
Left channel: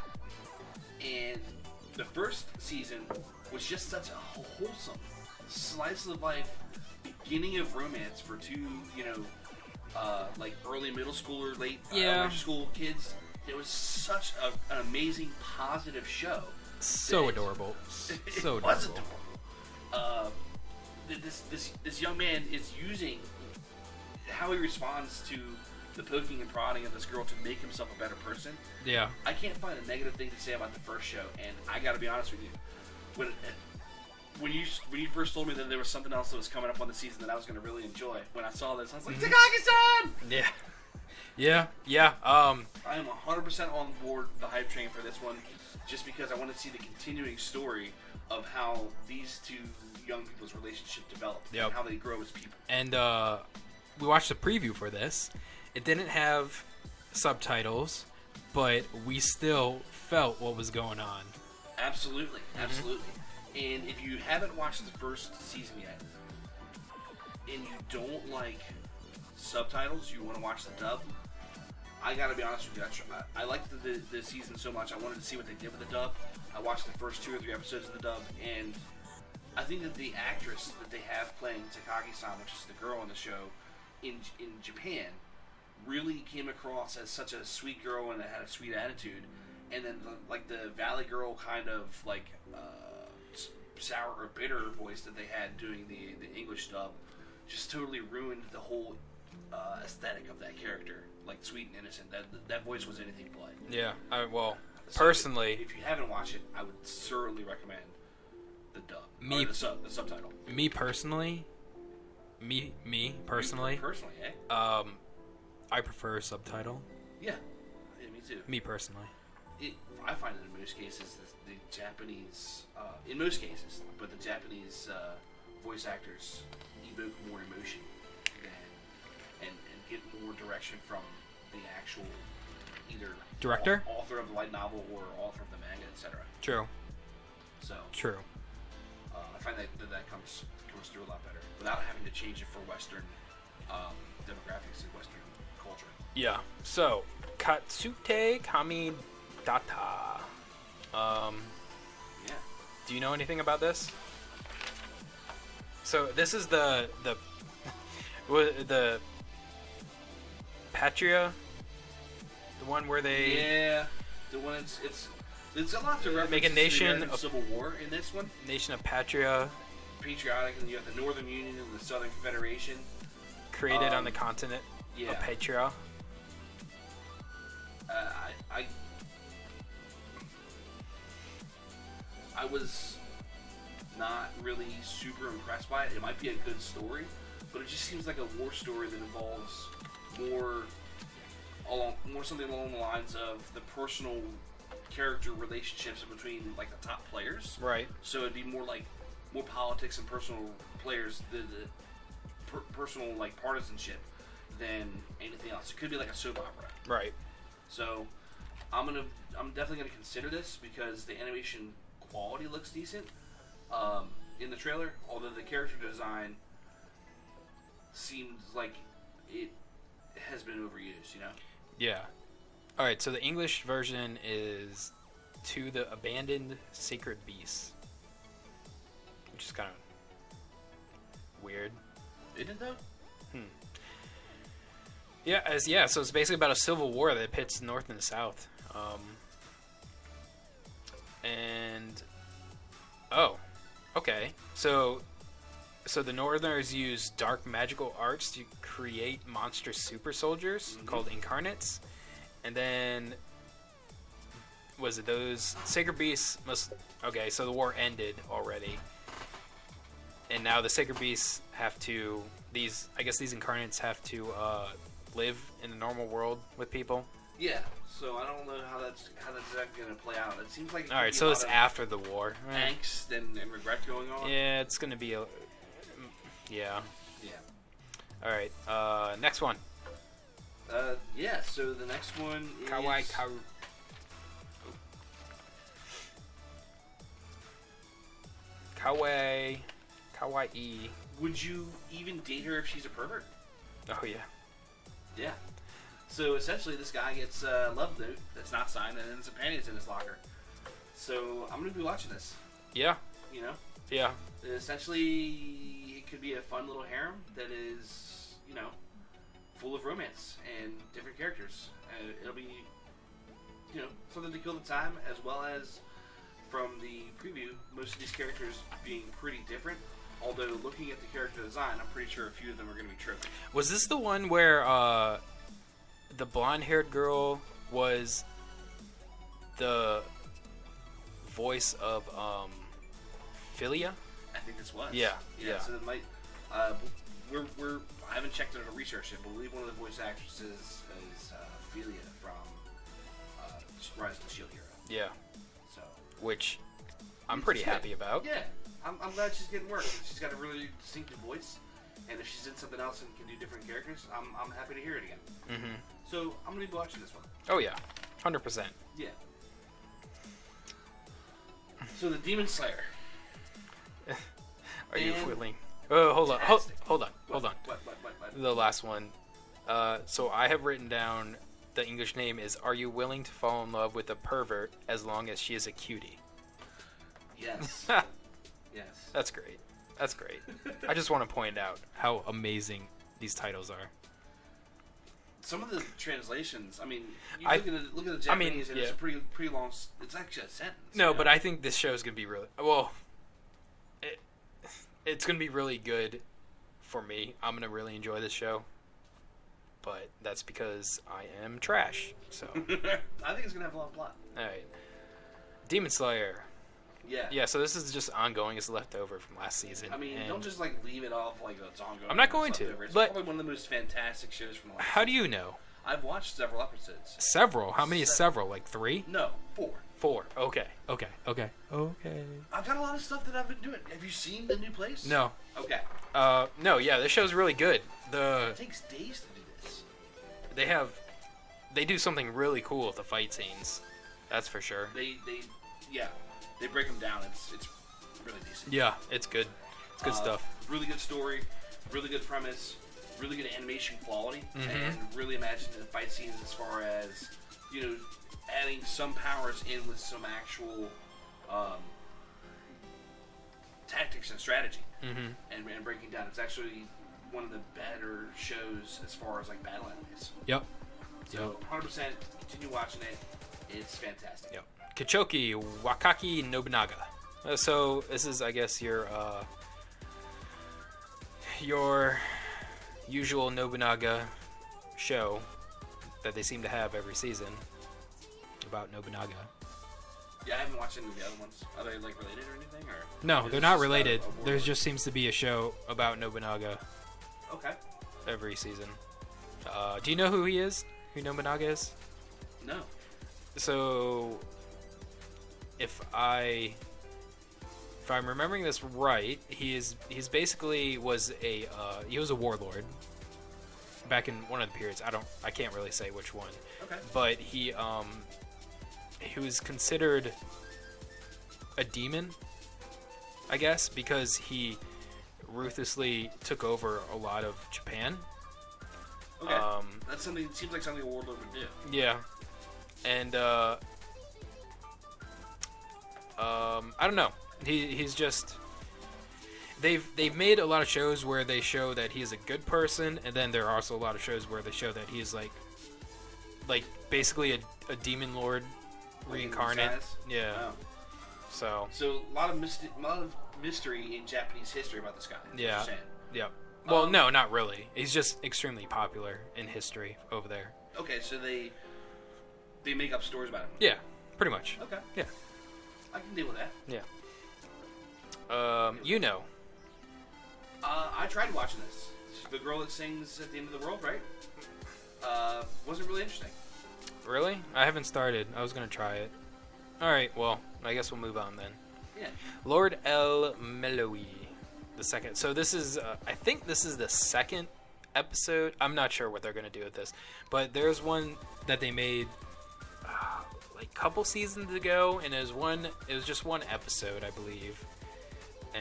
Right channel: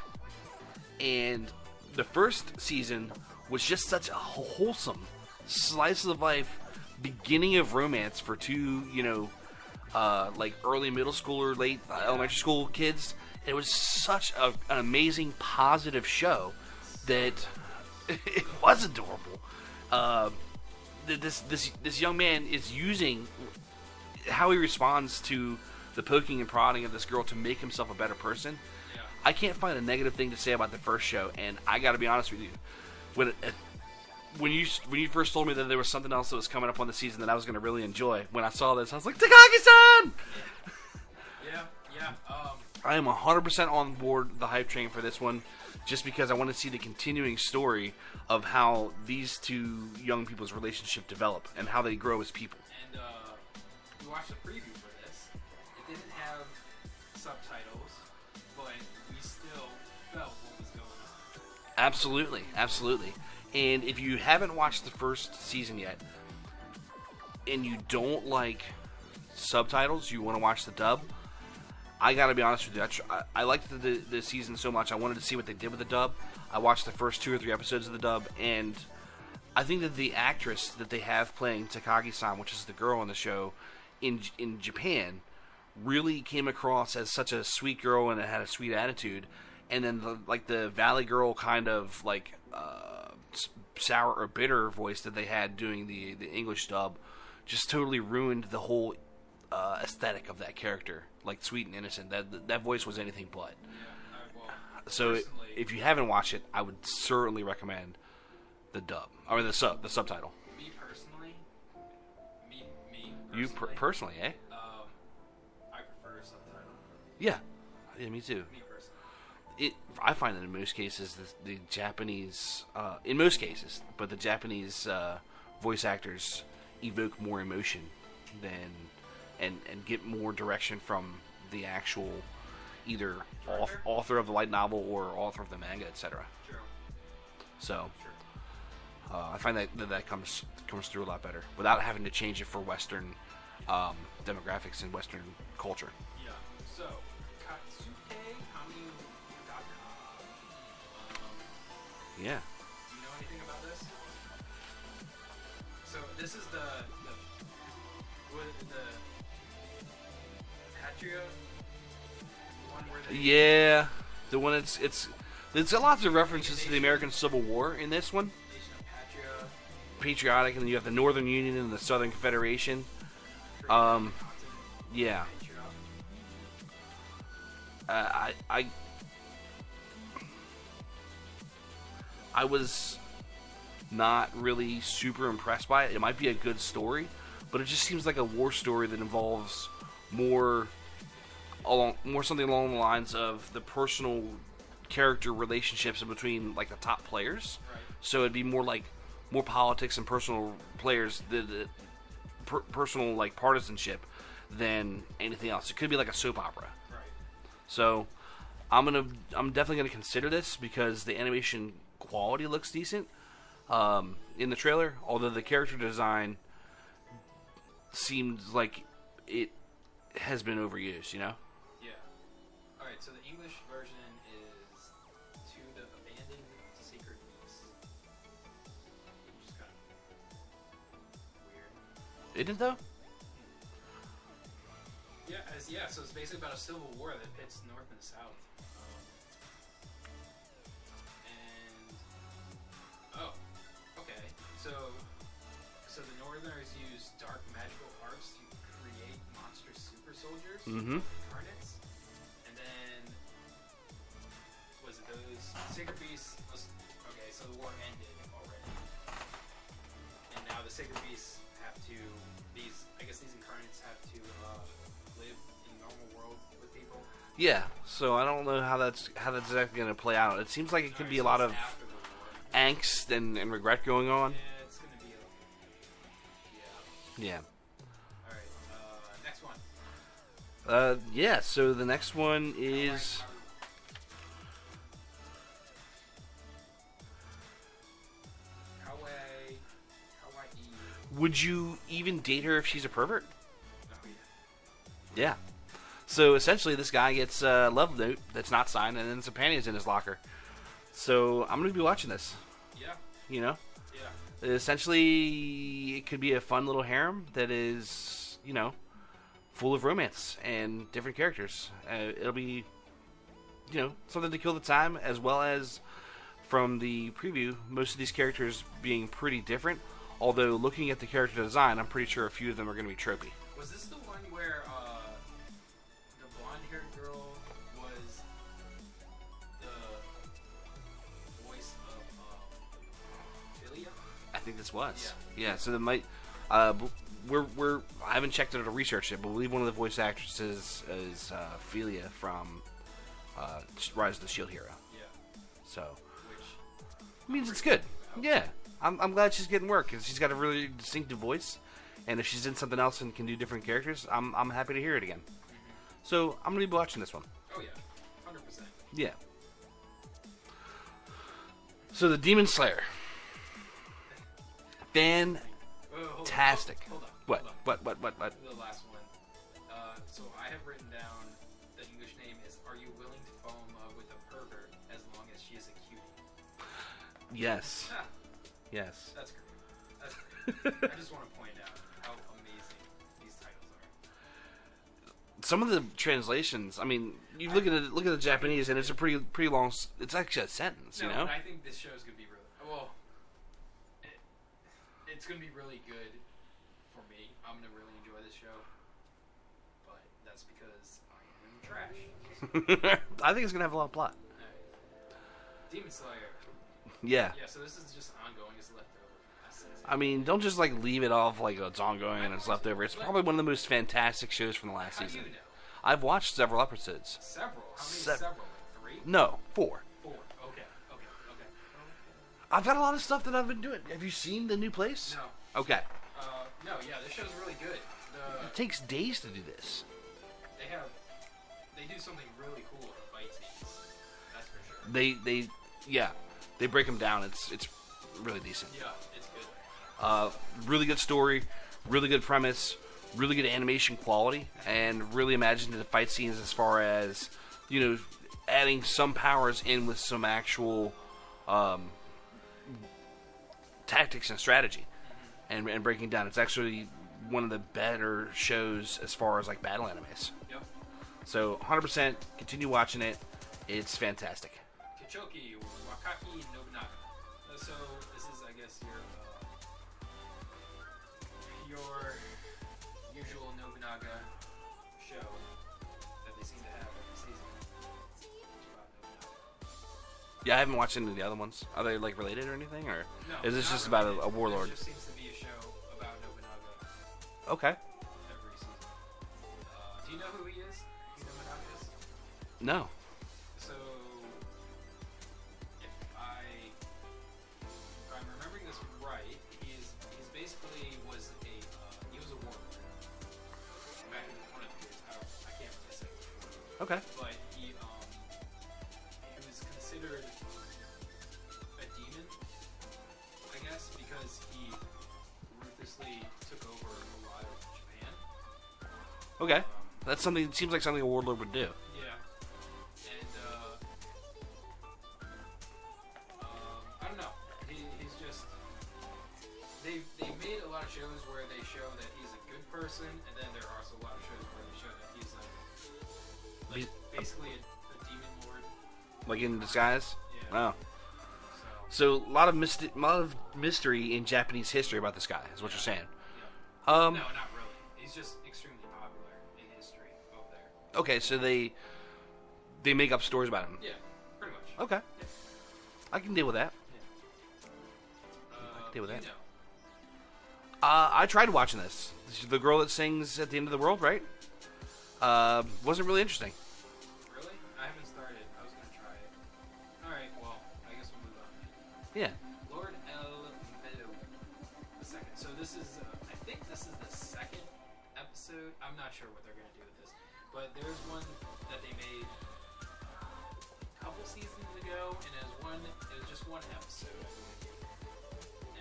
And the first season was just such a wholesome slice of life beginning of romance for two, like early middle school or late elementary school kids. And it was such an amazing, positive show. So adorable. It was adorable. This young man is using how he responds to the poking and prodding of this girl to make himself a better person. Yeah. I can't find a negative thing to say about the first show, and I got to be honest with you, when you first told me that there was something else that was coming up on the season that I was going to really enjoy, when I saw this, I was like, Takagi-san! Yeah. I am 100% on board the hype train for this one, just because I want to see the continuing story of how these two young people's relationship develop and how they grow as people. And we watched the preview for this. It didn't have subtitles, but we still felt what was going on. Absolutely. And if you haven't watched the first season yet, and you don't like subtitles, you want to watch the dub, I gotta be honest with you, I liked the season so much, I wanted to see what they did with the dub. I watched the first 2 or 3 episodes of the dub, and I think that the actress that they have playing Takagi-san, which is the girl on the show, in Japan, really came across as such a sweet girl and had a sweet attitude, and then the Valley Girl kind of sour or bitter voice that they had doing the English dub just totally ruined the whole aesthetic of that character. Like sweet and innocent, that voice was anything but. Yeah, So personally, if you haven't watched it, I would certainly recommend the dub or the subtitle. Me personally, personally, eh? I prefer subtitle. Yeah, me too. Me personally. I find that in most cases, the Japanese, in most cases, but the Japanese voice actors evoke more emotion and get more direction from the actual either director, author of the light novel, or author of the manga, etc. True. So true. I find that comes through a lot better without having to change it for Western demographics and Western culture. Yeah. So, Katsute Kami Data. Yeah. Do you know anything about this? So this is the Patria, the one where they... Yeah, the one it's a lot of references to the American Civil War in this one. Nation of Patria. Patriotic, and you have the Northern Union and the Southern Confederation. Created on the continent of Patria. I was not really super impressed by it. It might be a good story, but it just seems like a war story that involves more something along the lines of the personal character relationships between like the top players. Right. So it'd be more politics and personal players, the personal like partisanship than anything else. It could be like a soap opera. Right. So I'm definitely gonna consider this because the animation quality looks decent in the trailer, although the character design seems like it has been overused, you know? Yeah. Alright, so the English version is To the Abandoned Sacred Beasts. Which is kind of weird. Isn't it though? Yeah, so it's basically about a civil war that pits North and South. Okay. So the Northerners use dark magical arts to create monstrous super soldiers called incarnates, and then was it those sacred beasts okay, so the war ended already, and now the sacred beasts have to these incarnates have to live in the normal world with people. Yeah, so I don't know how that's exactly going to play out. It seems like it could be a lot of after the war, angst and regret going on. Yeah, it's going to be Yeah. All right, next one. Yeah. So the next one is Kawaii. Would you even date her if she's a pervert? Oh yeah. Yeah. So essentially, this guy gets a love note that's not signed, and then some panties in his locker. So I'm going to be watching this. Yeah. You know? Yeah. Essentially, it could be a fun little harem that is, full of romance and different characters. It'll be, something to kill the time, as well as from the preview, most of these characters being pretty different. Although, looking at the character design, I'm pretty sure a few of them are going to be tropey. Was this the one where the blonde-haired girl was the voice of Philia. I think this was. Yeah. So there might. We're I haven't checked it or researched it, but I believe one of the voice actresses is Philia from Rise of the Shield Hero. Yeah. So. Which I'm pretty happy about. Yeah. I'm glad she's getting work because she's got a really distinctive voice, and if she's in something else and can do different characters, I'm happy to hear it again. Mm-hmm. So I'm gonna be watching this one. Oh yeah, 100%. Yeah. So the Demon Slayer. Oh, hold on. Hold on. What? The last one. So I have written down the English name is "Are you willing to fall in love with a pervert as long as she is a cutie?" Yes. Yes. That's great. That's great. I just want to point out how amazing these titles are. Some of the translations, I mean, you look at the Japanese, and it's a pretty long. It's actually a sentence. No, but I think this show is gonna be really well. It's gonna be really good for me. I'm gonna really enjoy this show, but that's because I am trash. So I think it's gonna have a lot of plot. All right, Demon Slayer. Yeah. Yeah. So this is just ongoing. It's leftover from last season. I mean, don't just leave it off like it's ongoing. I'm not going to. It's probably one of the most fantastic shows from the last. How season. do you know? I've watched several episodes. Several? How many is several? Like 3? No, 4. 4. Okay. I've got a lot of stuff that I've been doing. Have you seen the new place? No. Okay. No. Yeah, this show's really good. It takes days to do this. They do something really cool with the fight scenes. That's for sure. They break them down. It's really decent. Yeah, it's good. It's good stuff. Really good story, really good premise, really good animation quality, and really imaginative fight scenes as far as, adding some powers in with some actual tactics and strategy, and breaking down. It's actually one of the better shows as far as battle animes. Yep. So 100% continue watching it. It's fantastic. Yep. Kichoki Wakaki Nobunaga. So this is, I guess, your usual Nobunaga show that they seem to have every season about Nobunaga. Yeah, I haven't watched any of the other ones. Are they related or anything, or no? They're not related. There just seems to be a show about Nobunaga. Okay. Every season. Do you know who he is? Who Nobunaga is? No. So, if I'm remembering this right, he's basically he was a warlord back in one of the periods. I can't really say which one. Okay. But he was considered a demon, I guess, because he ruthlessly took over a lot of Japan. Okay. That's something. Seems like something a warlord would do. Yeah. And I don't know. He's just they've made a lot of shows where they show that he's a good person, and then there are also a lot of shows where they show that he's like basically a demon lord reincarnated. In disguise? Yeah. Oh. So a lot of mystery in Japanese history about this guy. Is what you're saying. Yeah. Well, no, not really. He's just extremely popular in history over there. Okay, so they make up stories about him. Yeah, pretty much. Okay. Yeah. I can deal with that. Yeah. Know. I tried watching this. This is the girl that sings at the end of the world, right? Wasn't really interesting. Really? I haven't started. I was gonna try it. All right. Well, I guess we'll move on then. Yeah. Lord El Meloui, the second. So this is. I think this is the second episode. I'm not sure what they're gonna do with this, but there's one that they made a couple seasons ago, and it was just one episode, I believe.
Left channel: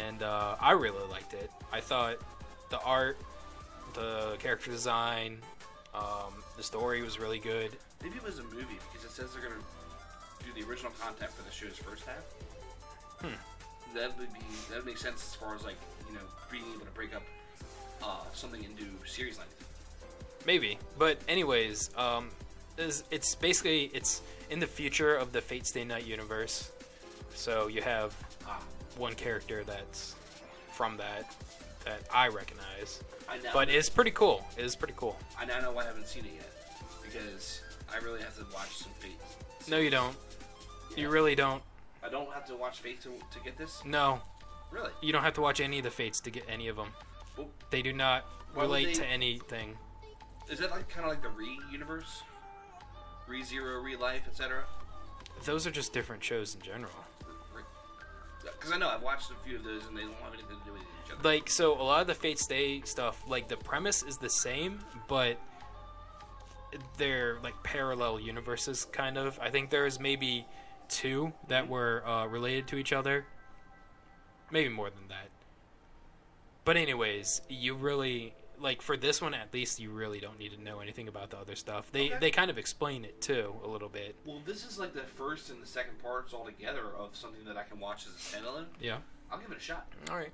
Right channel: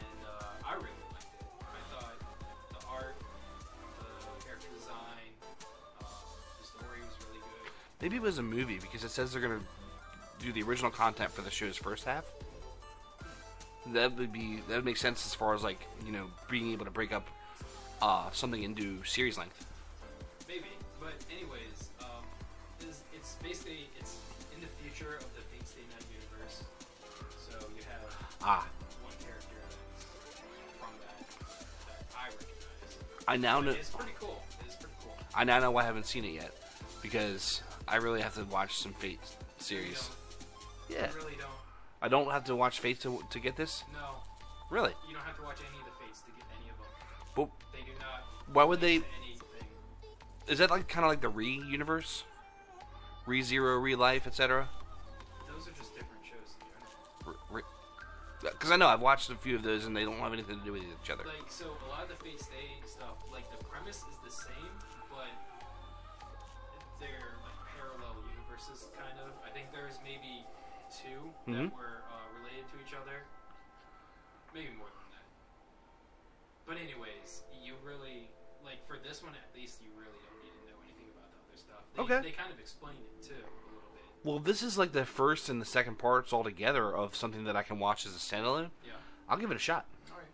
And I really liked it. I thought the art, the character design, the story was really good. Maybe it was a movie because it says they're going to do the original content for the show's first half. That would make sense as far as being able to break up something into series length. Maybe, but anyways, it's basically in the future of the Fate Stay Night universe. So you have one character that's from that I recognize. But it's pretty cool. It is pretty cool. I now know why I haven't seen it yet. because I really have to watch some Fate series. No, you don't. Yeah. You really don't. I don't have to watch Fate to get this? No. Really? You don't have to watch any of the Fates to get any of them. Well, they do not why relate would they, to anything. Is that like kind of like the Re-universe? Re-Zero, Re-Life, etc.? Those are just different shows in general. Because I know I've watched a few of those and they don't have anything to do with each other. Like, so a lot of the Fate Stay stuff, like the premise is the same, but they're like parallel universes, kind of. I think there's maybe 2 that were related to each other. Maybe more than that. But anyways, you really, like for this one at least, you really don't need to know anything about the other stuff. They kind of explain it too, a little bit. Well, this is like the first and the second parts all together of something that I can watch as a standalone. Yeah. I'll give it a shot. Alright.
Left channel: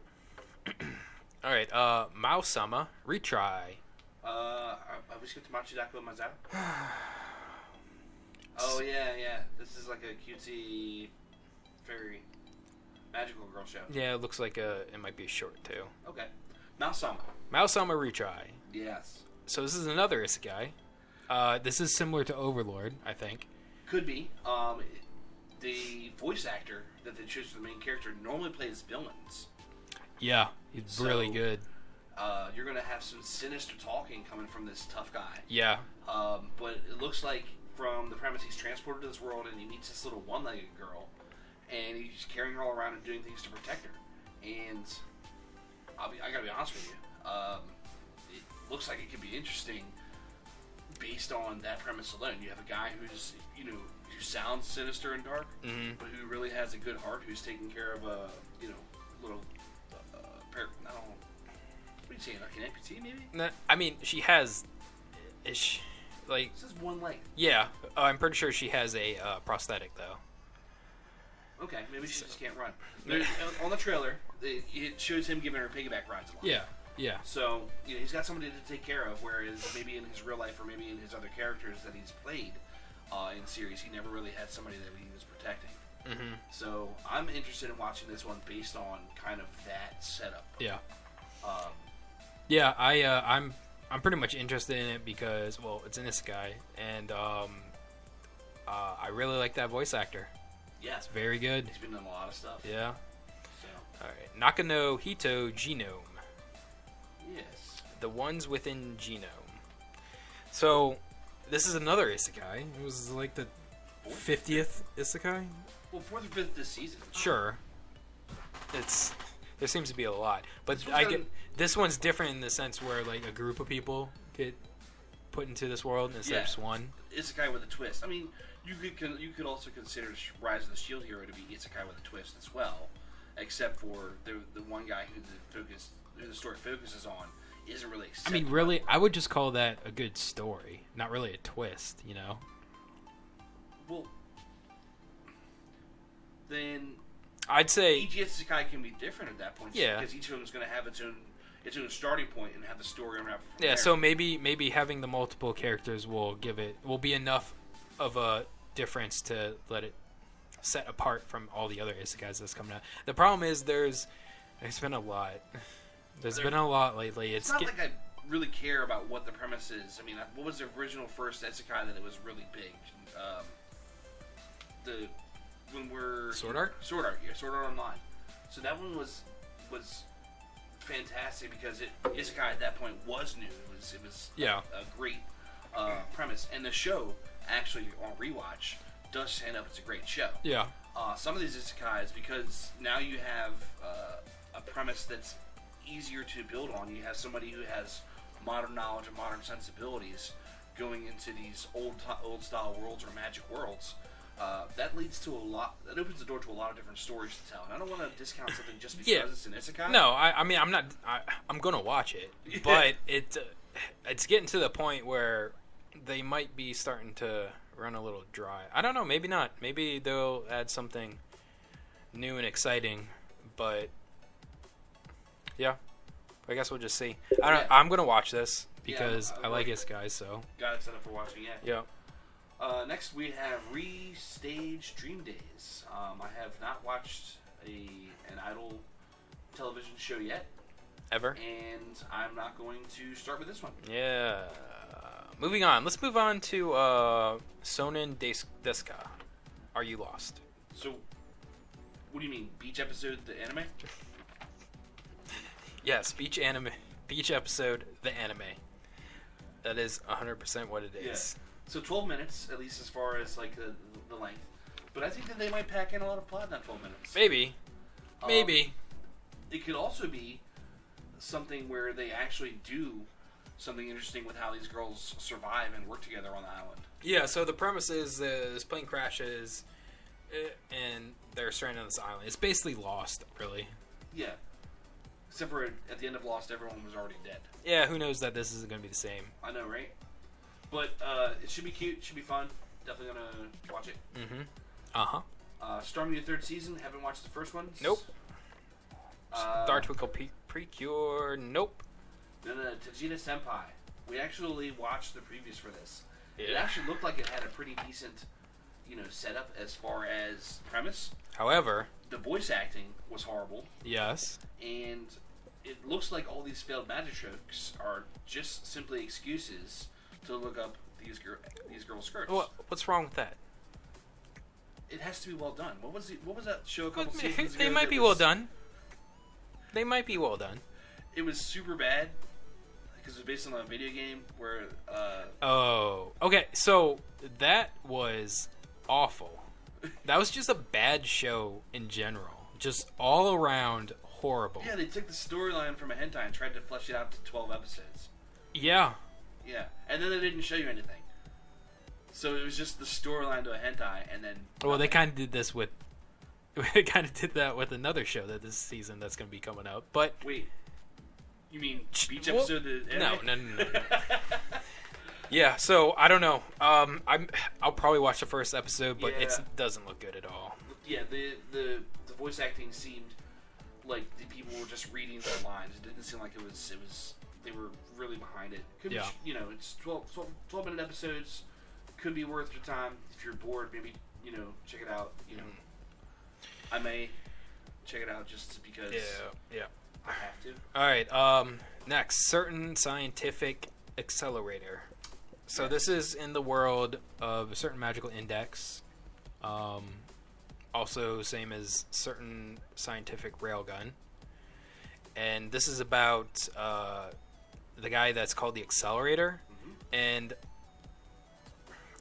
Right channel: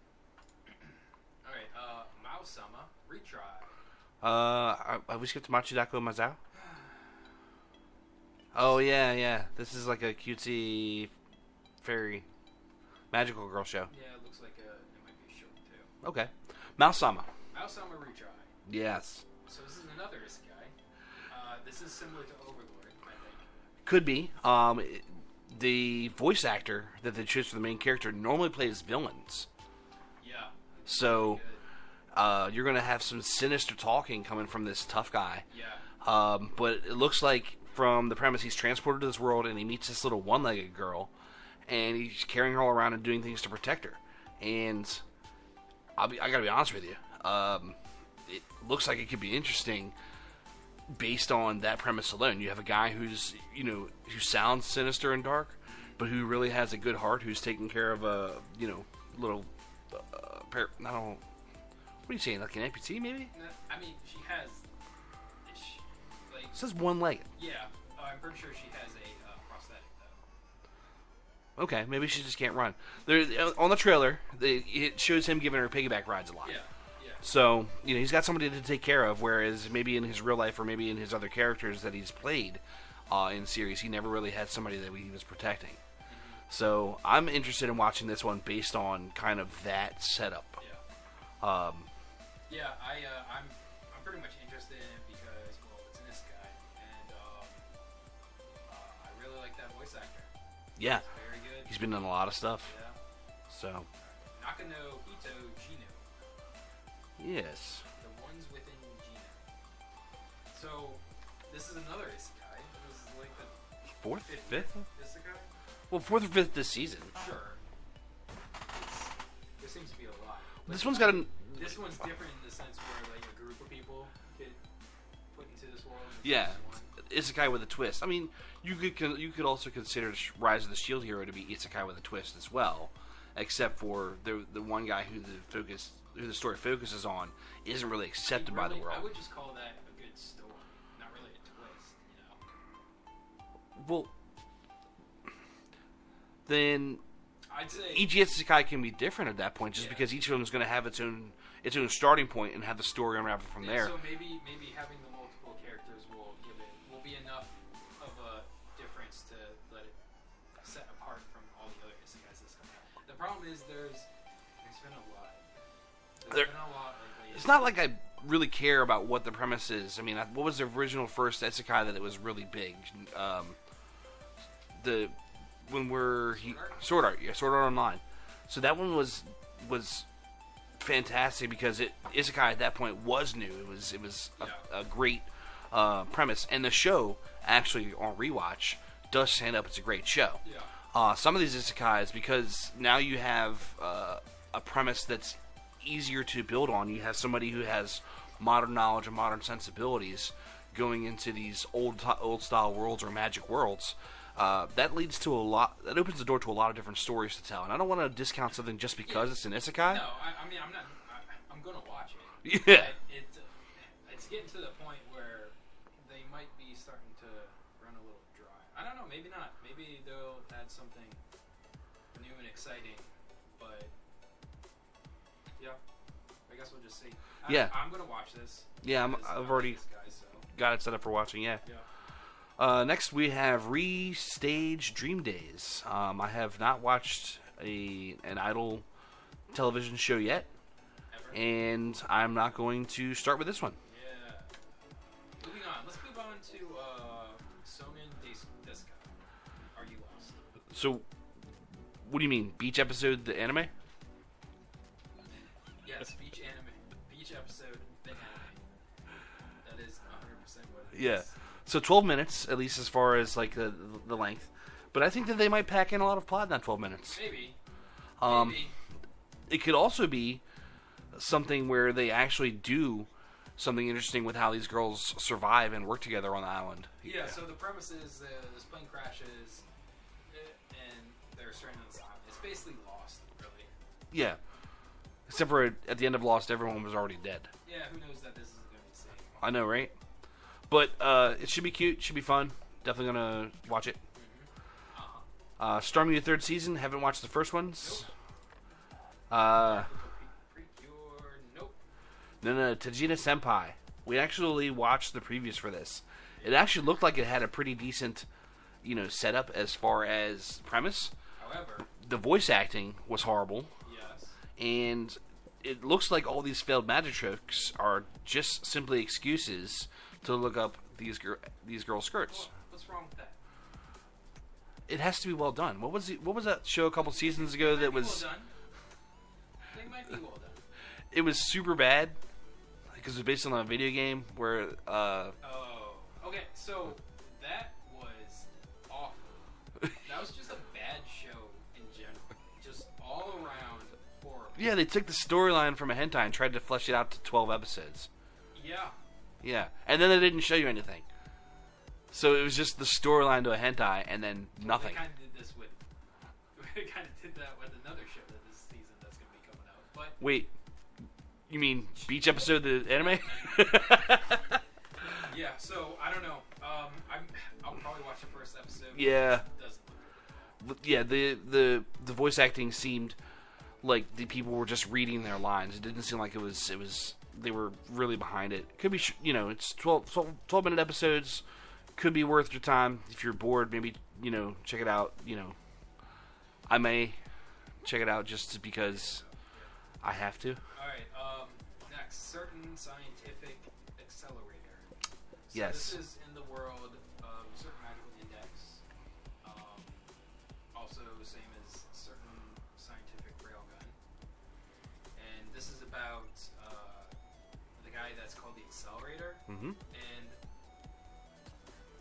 Alright, Mao-sama, retry. We skipped Machidako Mazao? Oh, yeah. This is like a cutesy fairy magical girl show. Yeah, it looks like it might be short too. Okay. Mao-sama. Mao-sama retry. Yes. So this is another isekai. This is similar to Overlord, I think. Could be. The voice actor that they choose for the main character normally plays villains. Yeah, he's really good. You're going to have some sinister talking coming from this tough guy. Yeah. But it looks like from the premise he's transported to this world and he meets this little one-legged girl and he's carrying her all around and doing things to protect her. And I got to be honest with you. It looks like it could be interesting based on that premise alone. You have a guy who's, who sounds sinister and dark, but who really has a good heart, who's taking care of a, little, what are you saying, like an amputee maybe? I mean, she has, like... It says one leg. Yeah, I'm pretty sure she has a prosthetic, though. Okay, maybe she just can't run. On the trailer, it shows him giving her piggyback rides a lot. Yeah. So, he's got somebody to take care of, whereas maybe in his real life or maybe in his other characters that he's played in series, he never really had somebody that he was protecting. Mm-hmm. So, I'm interested in watching this one based on kind of that setup. Yeah. I'm pretty much interested in it because, well, it's an isekai, and I really like that voice actor. Yeah. It's very good. He's been in a lot of stuff. Yeah. So. Alright. Nakano Hito Genome. Yes. The Ones Within Genome. So, this is another isekai. It was like the 50th isekai? Well, 4th or 5th this season. Sure. There seems to be a lot. But this one's different in the sense where like a group of people get put into this world instead of just one. Isekai with a twist. I mean, you could also consider Rise of the Shield Hero to be isekai with a twist as well, except for the one guy who the story focuses on isn't really accepted. I mean, really, I would just call that a good story, not really a twist. Well, then I'd say each isekai can be different at that point, just because each of them is going to have its own starting point and have the story unravel from there. Yeah, so maybe having the multiple characters will be enough of a difference to let it set apart from all the other isekais that's coming out. The problem is there's been a lot. There's been a lot lately. It's not like I really care about what the premise is. I mean, what was the original first isekai that it was really big? Sword Art? Sword Art, yeah, Sword Art Online. So that one was fantastic because isekai at that point was new. It was a great premise, and the show actually on rewatch does stand up. It's a great show. Yeah. Some of these isekais, because now you have a premise that's easier to build on. You have somebody who has modern knowledge and modern sensibilities going into these old style worlds or magic worlds. That leads to a lot. That opens the door to a lot of different stories to tell. And I don't want to discount something just because it's an isekai. No, I mean, I'm not. I'm gonna watch it, but it's getting to the point where they might be starting to run a little dry. I don't know. Maybe not. Maybe they'll add something new and exciting. But yeah, I guess we'll just see. I don't know. I'm gonna watch this because I like this guy. So got it set up for watching. Yeah. Yeah. Next, we have Restage Dream Days. I have not watched an idol television show yet. Ever. And I'm not going to start with this one. Yeah. Moving on. Let's move on to Sonen Deska. Are You Lost? So, what do you mean? Beach episode, the anime? Yes, beach episode, the anime. That is 100% what it is. Yeah. So 12 minutes, at least as far as like the length. But I think that they might pack in a lot of plot in that 12 minutes. Maybe. It could also be something where they actually do something interesting with how these girls survive and work together on the island. Yeah, so the premise is this plane crashes and they're stranded on this island. It's basically Lost, really. Yeah. Except for at the end of Lost, everyone was already dead. Yeah, who knows that this is going to be the same. I know, right? But it should be cute. Should be fun. Definitely going to watch it. Mm-hmm. Uh-huh. Stormy the third season. Haven't watched the first ones. Nope. Star Twinkle Precure. Nope. Then Tajina Senpai. We actually watched the previews for this. Yeah. It actually looked like it had a pretty decent, setup as far as premise. However, the voice acting was horrible. Yes. And it looks like all these failed magic tricks are just simply excuses to look up these girls' skirts. What's wrong with that? It has to be well done. What was that show a couple seasons ago? They might be well done. They might be well done. It was super bad because it was based on a video game where. Okay. So that was awful. That was just a bad show in general. Just all around horrible. Yeah, they took the storyline from a hentai and tried to flesh it out to 12 episodes. Yeah. Yeah, and then they didn't show you anything. So it was just the storyline to a hentai, and then nothing. Well, they kind of did this with. They kind of did that with another show that this season that's going to be coming out. But wait, you mean Beach episode the anime? No. Yeah, so I don't know. I'll probably watch the first episode, but it doesn't look good at all. Yeah, the voice acting seemed like the people were just reading their lines. It didn't seem like it was they were really behind it. Could be it's 12-minute episodes. Could be worth your time if you're bored. Maybe check it out. I may check it out just because I have to. All right. Next, certain scientific accelerator. So this is in the world of a certain magical index. Also, same as certain scientific railgun. And this is about the guy that's called the Accelerator. Mm-hmm. And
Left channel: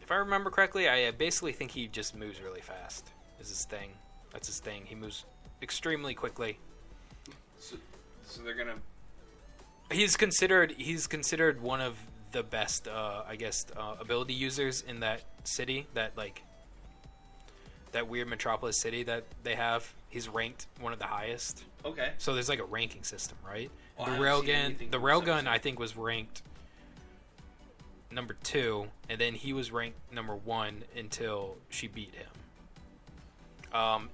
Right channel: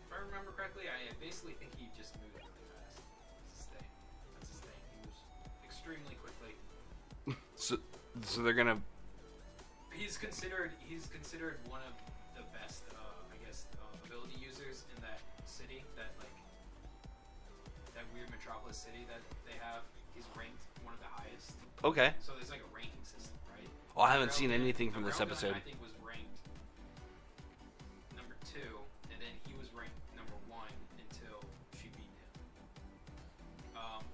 if I remember correctly, I basically think he just moves really fast. Is his thing. That's his thing. He moves extremely quickly. So they're gonna. He's considered one of the best, ability users in that city. That weird metropolis city that they have. He's ranked one of the highest. Okay. So there's like a ranking system, right? Oh, I haven't seen anything from this railgun, episode. I think, was ranked number 2, and then he was ranked number 1 until she beat him.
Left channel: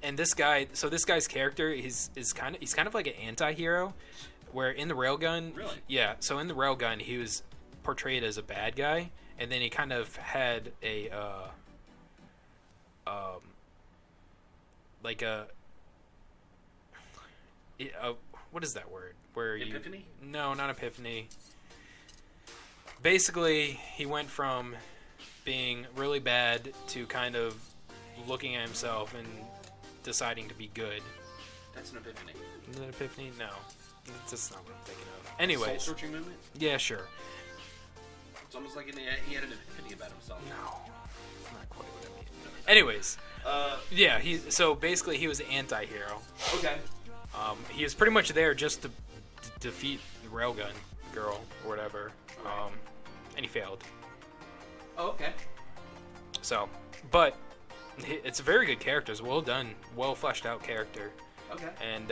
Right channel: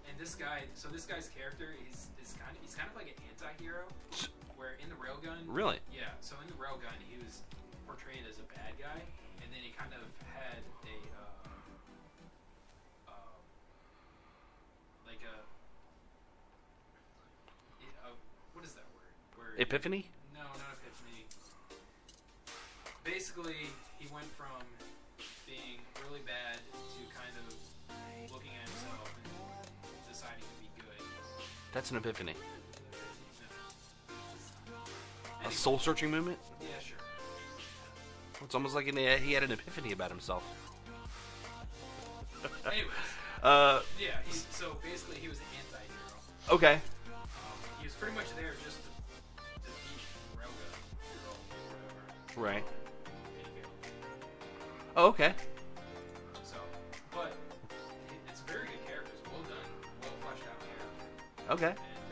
And this guy's character he's kind of like an anti-hero, where in the railgun, really, yeah. So in the railgun, he was portrayed as a bad guy, and then he kind of had a what is that word? Epiphany? No, not epiphany. Basically, he went from being really bad to kind of looking at himself and deciding to be good. That's an epiphany. Is it an epiphany? No. It's just not what I'm thinking of. Anyway. Soul-searching movement? Yeah, sure. It's almost like he had an epiphany about himself. No. Not quite. Anyways. Yeah, so basically he was an anti-hero. Okay. He was pretty much there just to defeat the railgun girl or whatever. Right. And he failed. Oh, okay. So, but it's a very good character. It's well done, well fleshed out character. Okay. And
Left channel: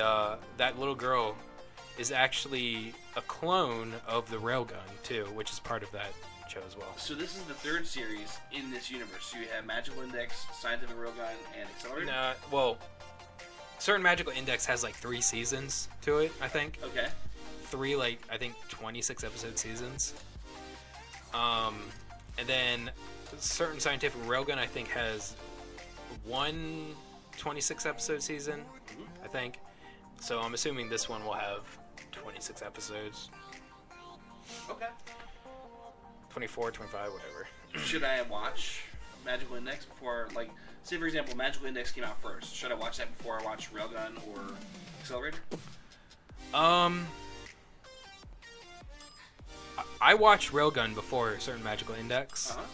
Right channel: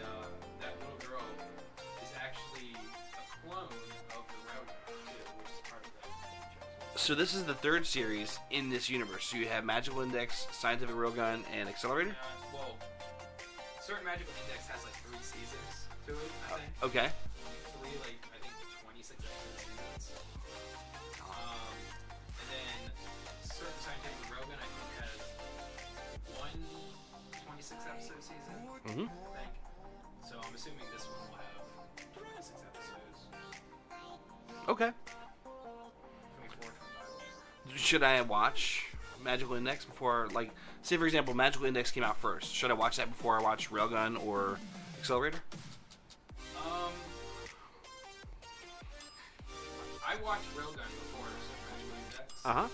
that little girl is actually a clone of the railgun too, which is part of that show as well. So this is the third series in this universe. So you have Magical Index, Scientific Railgun, and Accelerator? Well, certain Magical Index has like 3 seasons to it, I think. Okay. 3, I think 26 episode seasons. And then certain Scientific Railgun, I think, has 1 26 episode season, I think. So I'm assuming this one will have 26 episodes. Okay. 24, 25, whatever. Should I watch Magical Index before, like, say for example, Magical Index came out first. Should I watch that before I watch Railgun or Accelerator? I watched Railgun before a certain Magical Index, Uh-huh.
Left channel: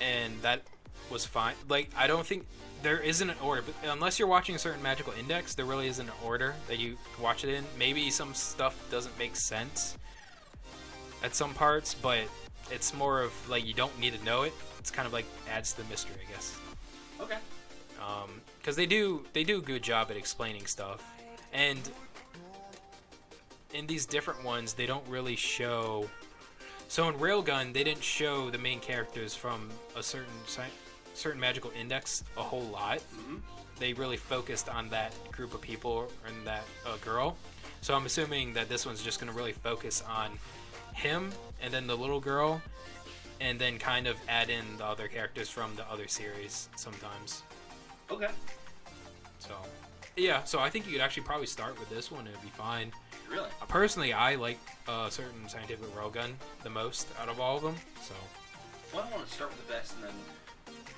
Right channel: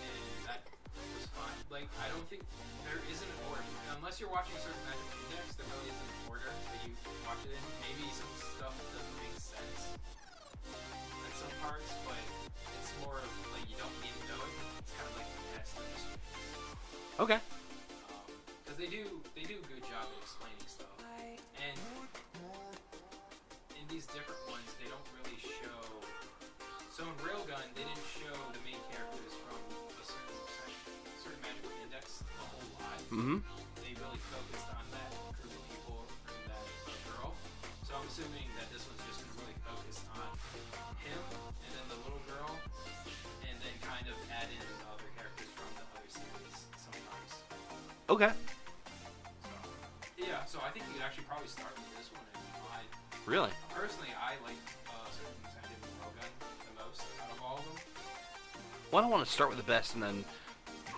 and that was fine. Like, I don't think there isn't an order, but unless you're watching a certain Magical Index, there really isn't an order that you watch it in. Maybe some stuff doesn't make sense at some parts, but it's more of like you don't need to know it. It's kind of like adds to the mystery, I guess. Okay. Because they do a good job at explaining stuff, and in these different ones, they don't really show. So in Railgun, they didn't show the main characters from a certain magical index a whole lot. Mm-hmm. They really focused on that group of people and that girl. So I'm assuming that this one's just going to really focus on him and then the little girl, and then kind of add in the other characters from the other series sometimes. Okay. So, yeah, so I think you could actually probably start with this one and it'd be fine. Really? Personally, I like certain Scientific Railgun the most out of all of them. So, well, I don't want to start with the best and then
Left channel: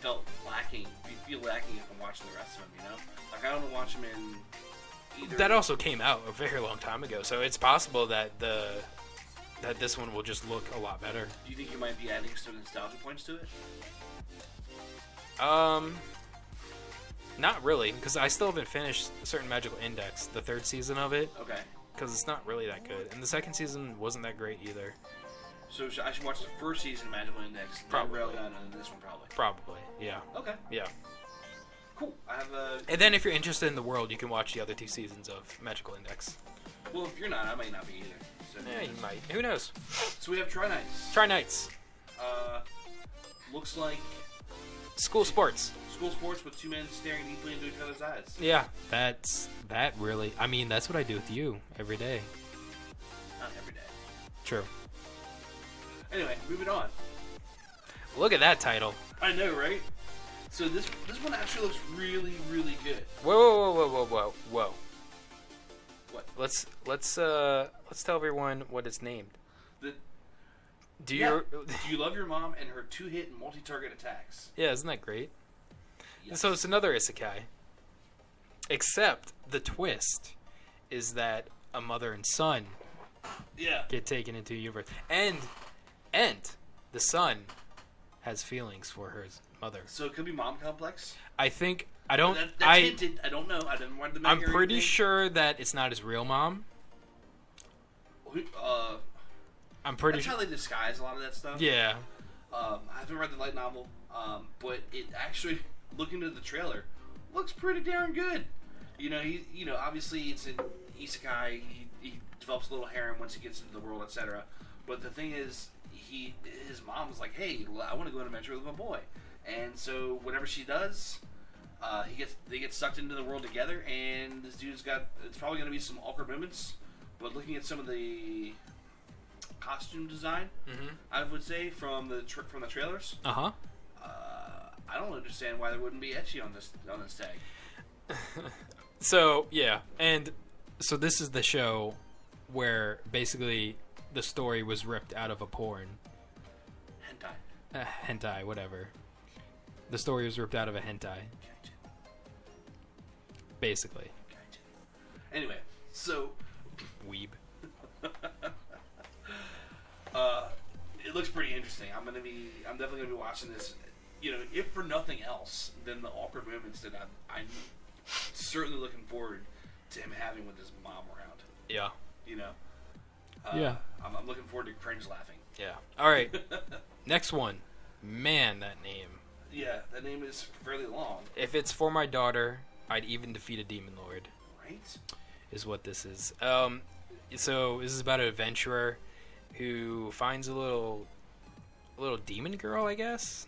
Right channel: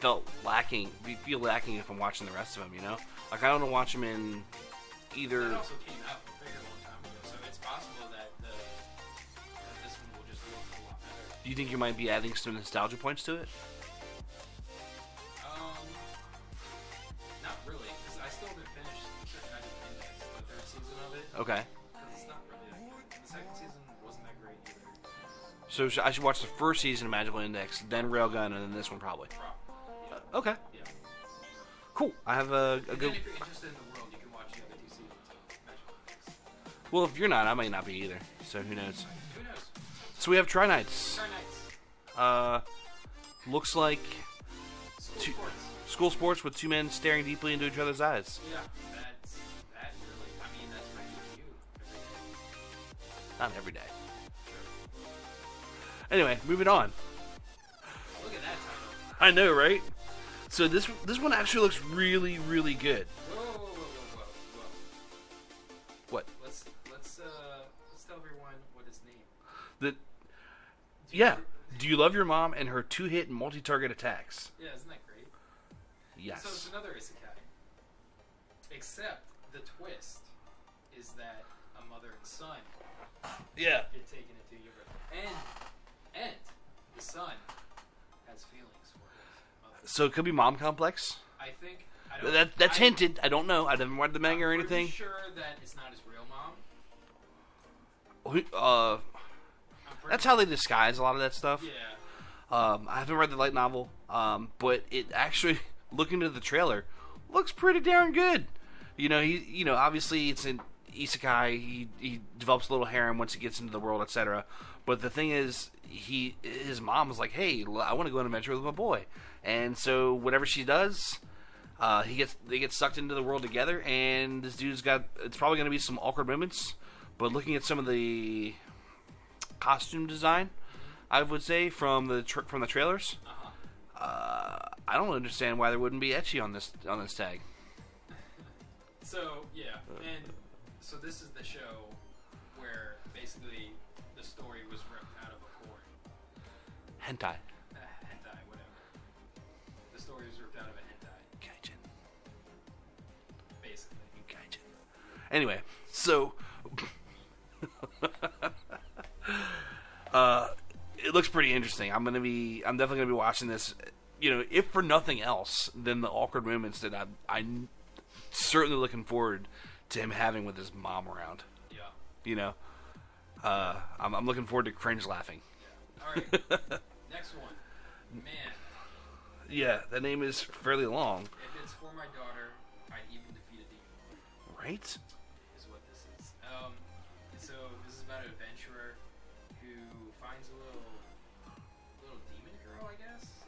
feel lacking if I'm watching the rest of them, you know? Like, I don't want to watch them in either... That also came out a very long time ago, so it's possible that that this one will just look a lot better. Do you think you might be adding some nostalgia points to it? Not really, because I still haven't finished a certain Magical Index, the third season of it. Okay. Because it's not really that good, and the second season wasn't that great either. So I should watch the first season of Magical Index, then Probably. Railgun, and then this one probably. Probably, yeah. Okay. Yeah. Cool. I have a... And then if you're interested in the world, you can watch the other two seasons of Magical Index. Well, if you're not, I might not be either. So Yeah, who you knows? might. Who knows? So we have Try Nights. Try Nights. Looks like School sports. school sports with two men staring deeply into each other's eyes. Yeah, that's what I do with you every day. Not every day. True. Anyway, moving on. Look at that title. I know, right? So this one actually looks really, really good. Whoa. What? Let's tell everyone what it's named. Do you love your mom and her 2-hit multi-target attacks? Yeah, isn't that great? Yes. So it's another isekai. Except the twist is that a mother and son get taken into a universe. And the son has feelings for her mother. So it could be mom complex? I think... I don't... That's hinted. I don't know. I haven't read the manga or anything. I'm pretty sure that it's not his real mom. That's how they disguise a lot of that stuff. Yeah. I haven't read the light novel, but it actually, looking at the trailer, looks pretty darn good. Obviously it's an isekai. He develops a little harem once he gets into the world, etc. But the thing is, his mom was like, "Hey, I want to go on an adventure with my boy," and so whatever she does, they get sucked into the world together. And this dude's it's probably going to be some awkward moments, but looking at some of the costume design, I would say from the trailers. I don't understand why there wouldn't be ecchi on this tag. So yeah, and so this is the show where basically the story was ripped out of a porn. Hentai, whatever. The story was ripped out of a hentai. Gotcha. Basically. Gotcha. Anyway, so weeb. It looks pretty interesting. I'm definitely gonna be watching this. If for nothing else, than the awkward moments that I'm certainly looking forward to him having with his mom around. Yeah. Yeah. I'm looking forward to cringe laughing. Yeah. All right. Next one. Man, that name. Yeah, that name is fairly long. If it's for my daughter, I'd even defeat a demon lord. Right? Is what this is. So this is about an adventurer who finds a little demon girl, I guess.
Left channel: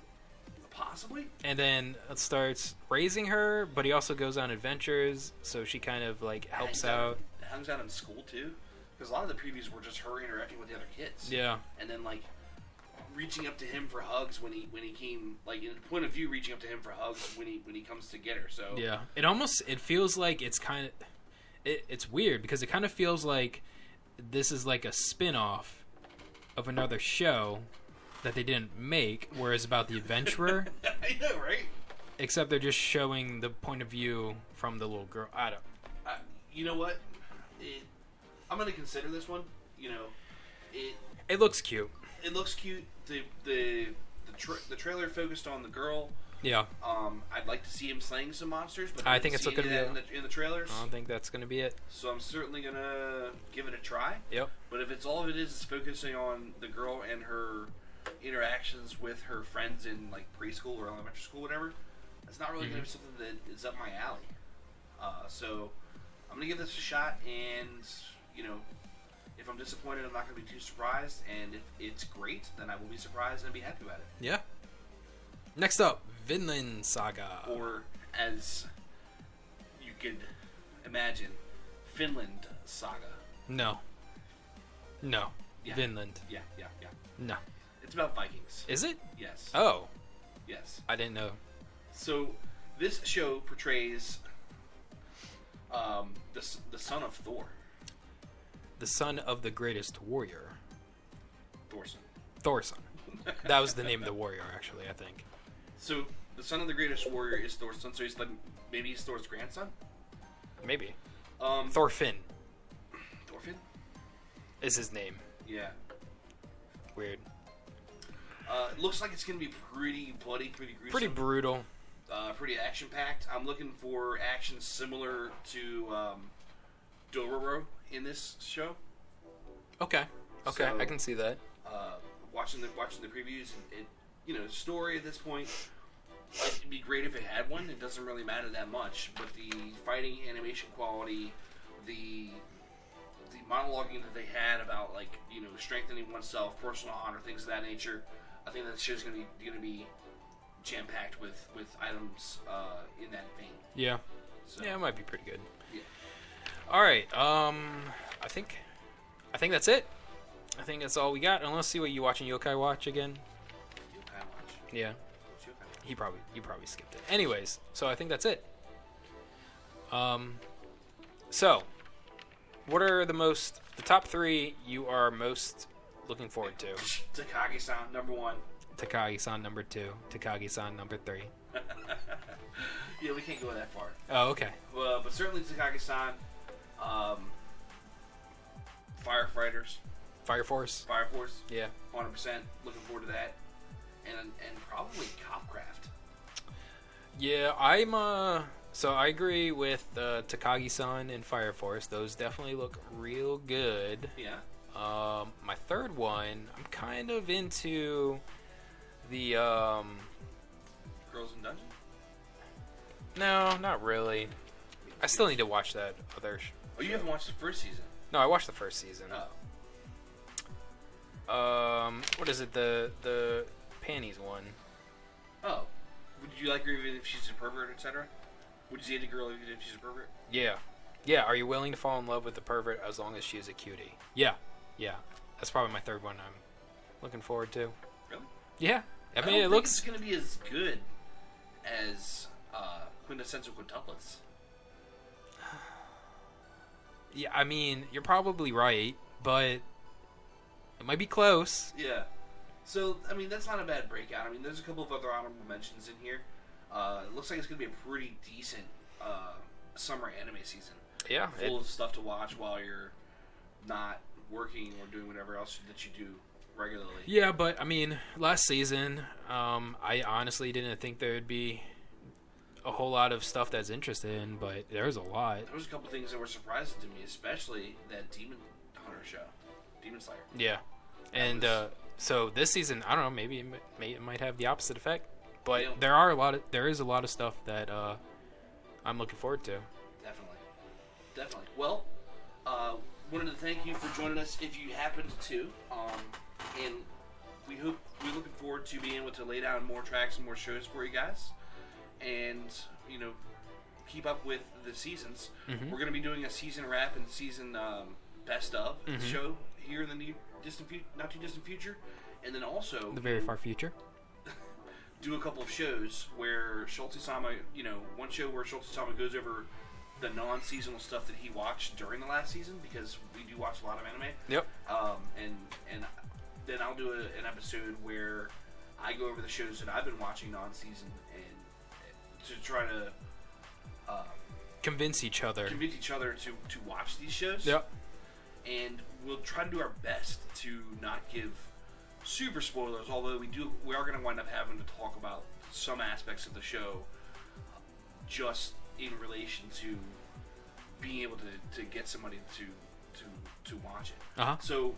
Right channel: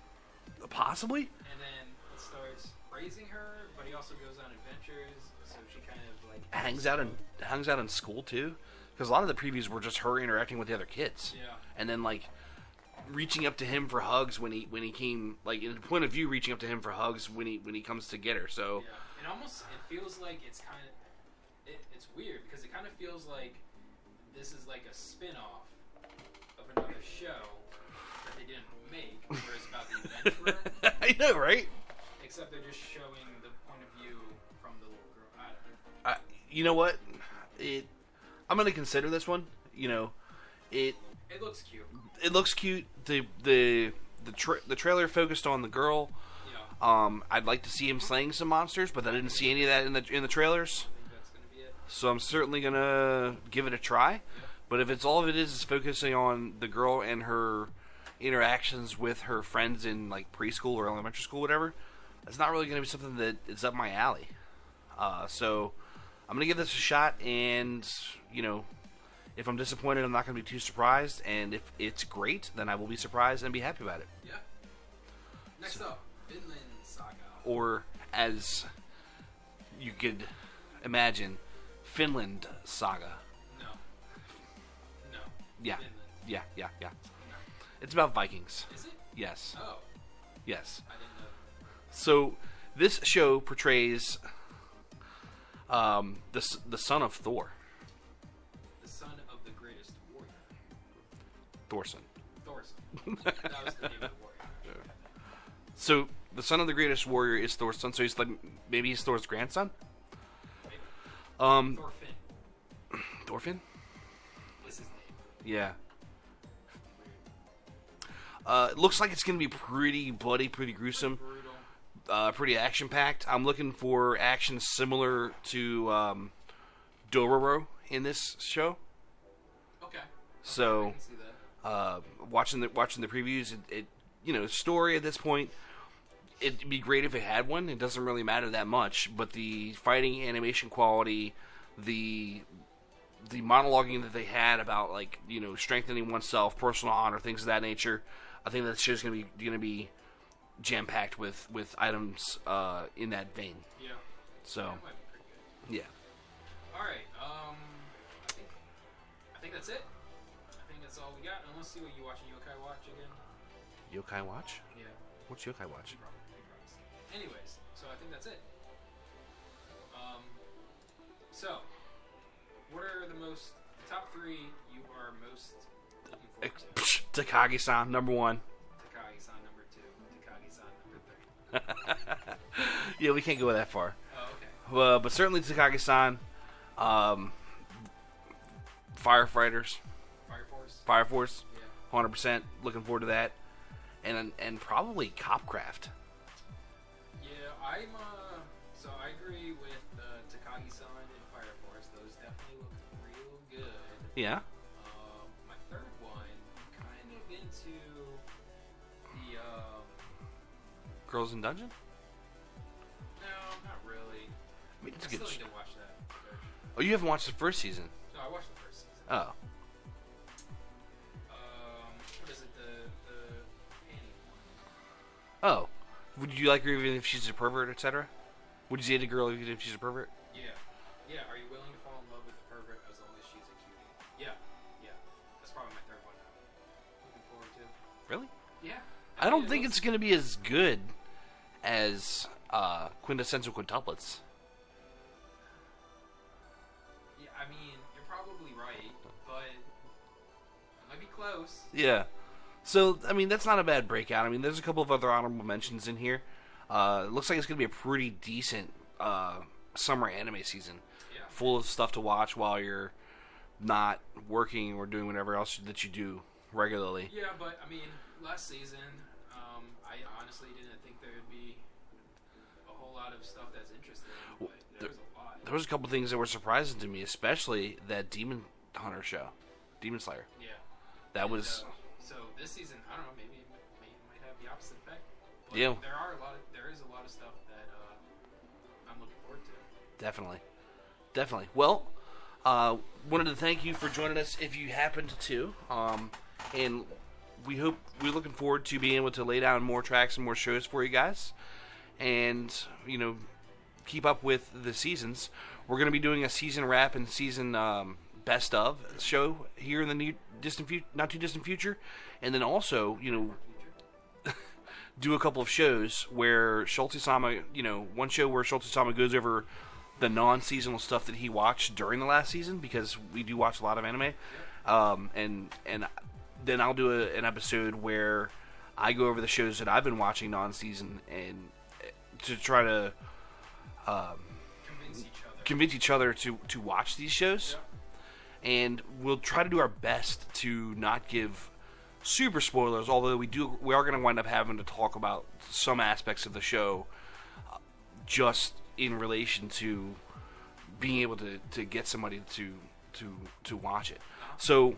Possibly. And then starts raising her, but he also goes on adventures, so she kind of like helps out. Hangs out in school too, because a lot of the previews were just her interacting with the other kids. Yeah. And then like reaching up to him for hugs when he came, like in the point of view, reaching up to him for hugs when he comes to get her. So yeah, it feels like it's kind of it's weird because it kind of feels like this is like a spin-off of another show that they didn't make, whereas about the adventurer, I know, right? except they're just showing the point of view from the little girl. I don't. You know what? I'm gonna consider this one. You know, it looks cute. It looks cute. The trailer focused on the girl. Yeah. I'd like to see him slaying some monsters, but I didn't see any of that in the trailers. I don't think that's gonna be it. So I'm certainly gonna give it a try. Yep. But if it's all of it is focusing on the girl and her interactions with her friends in like preschool or elementary school, whatever, it's not really gonna be something that is up my alley. So I'm gonna give this a shot, and you know, if I'm disappointed, I'm not gonna be too surprised. And if it's great, then I will be surprised and be happy about it. Yeah. Next up, Vinland Saga. Or, as you could imagine, Finland Saga. No. Yeah. Vinland. Yeah. No. It's about Vikings. Is it? Yes. Oh. Yes. I didn't know. So, this show portrays the son of Thor. The son of the greatest warrior. Thorson. That was the name of the warrior, actually, I think. So, the son of the greatest warrior is Thor's son, so he's like, maybe he's Thor's grandson? Maybe. Thorfinn. Thorfinn? Is his name. Yeah. Weird. It looks like it's going to be pretty bloody, pretty gruesome. Pretty brutal. Pretty action-packed. I'm looking for action similar to Dororo in this show. Okay, So, I can see that. Watching the previews, it you know, story at this point, it'd be great if it had one. It doesn't really matter that much, but the fighting animation quality, the monologuing that they had about, like, you know, strengthening oneself, personal honor, things of that nature, I think that show's gonna be jam packed with items in that vein. Yeah. So yeah, it might be pretty good. Yeah. All right. I think that's it. I think that's all we got. And let's see what you watching Yokai Watch again. Yokai Watch? Yeah. What's Yokai Watch? You probably skipped it. Anyways, so I think that's it. So what are the top 3 you are most looking forward to? Takagi-san, number 1. Takagi-san, number 2. Takagi-san, number 3. Yeah, we can't go that far. Oh, okay. But certainly Takagi-san. Firefighters. Fire Force. Yeah. 100%. Looking forward to that. And probably Copcraft. Yeah, so I agree with Takagi-san and Fire Force. Those definitely look real good. Yeah. My third one, I'm kind of into the Girls in Dungeon? No, not really. I still need to watch that other. Oh, you haven't watched the first season? No, I watched the first season. Oh. What is it? The panties one. Oh. Would you like her even if she's a pervert, etc.? Would you date a girl even if she's a pervert? Yeah. Yeah, are you willing to fall in love with the pervert as long as she is a cutie? Yeah. Yeah. That's probably my third one I'm looking forward to. Really? Yeah. I don't think it's going to be as good as Quintessential Quintuplets. Yeah, I mean, you're probably right, but it might be close. Yeah. So, I mean, that's not a bad breakout. I mean, there's a couple of other honorable mentions in here. It looks like it's going to be a pretty decent summer anime season. Yeah. Full of stuff to watch while you're not working or doing whatever else that you do regularly. Yeah, but, I mean, last season, I honestly didn't think there would be a whole lot of stuff that's interesting, but there was a lot. There was a couple things that were surprising to me, especially that Demon Hunter show. Demon Slayer. Yeah. So this season, I don't know, maybe it might have the opposite effect, but yeah. There is a lot of stuff that I'm looking forward to. Definitely. Well, wanted to thank you for joining us if you happened to, and we're looking forward to being able to lay down more tracks and more shows for you guys, and you know, keep up with the seasons. Mm-hmm. We're going to be doing a season wrap and season best of show here in the not too distant future, and then also the very far future. Do a couple of shows where Schultzie-Sama, one show where Schultzie-Sama goes over the non-seasonal stuff that he watched during the last season, because we do watch a lot of anime. Yep. And then I'll do an episode where I go over the shows that I've been watching non-season and to try to convince each other to watch these shows. Yep. And we'll try to do our best to not give super spoilers, although we are going to wind up having to talk about some aspects of the show just in relation to being able to get somebody to watch it. Uh-huh. So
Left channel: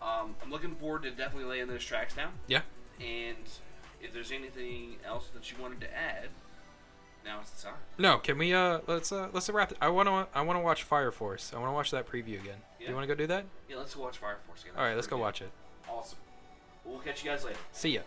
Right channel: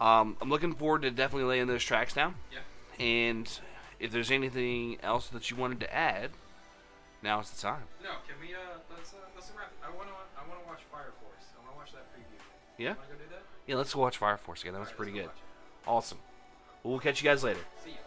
I'm looking forward to definitely laying those tracks down. Yeah. And if there's anything else that you wanted to add, now is the time. No, can we let's wrap it. I want to watch Fire Force. I want to watch that preview again. Yeah. You want to go do that? Yeah, let's go watch Fire Force again. All right, let's go watch it. Awesome. Well, we'll catch you guys later. See ya.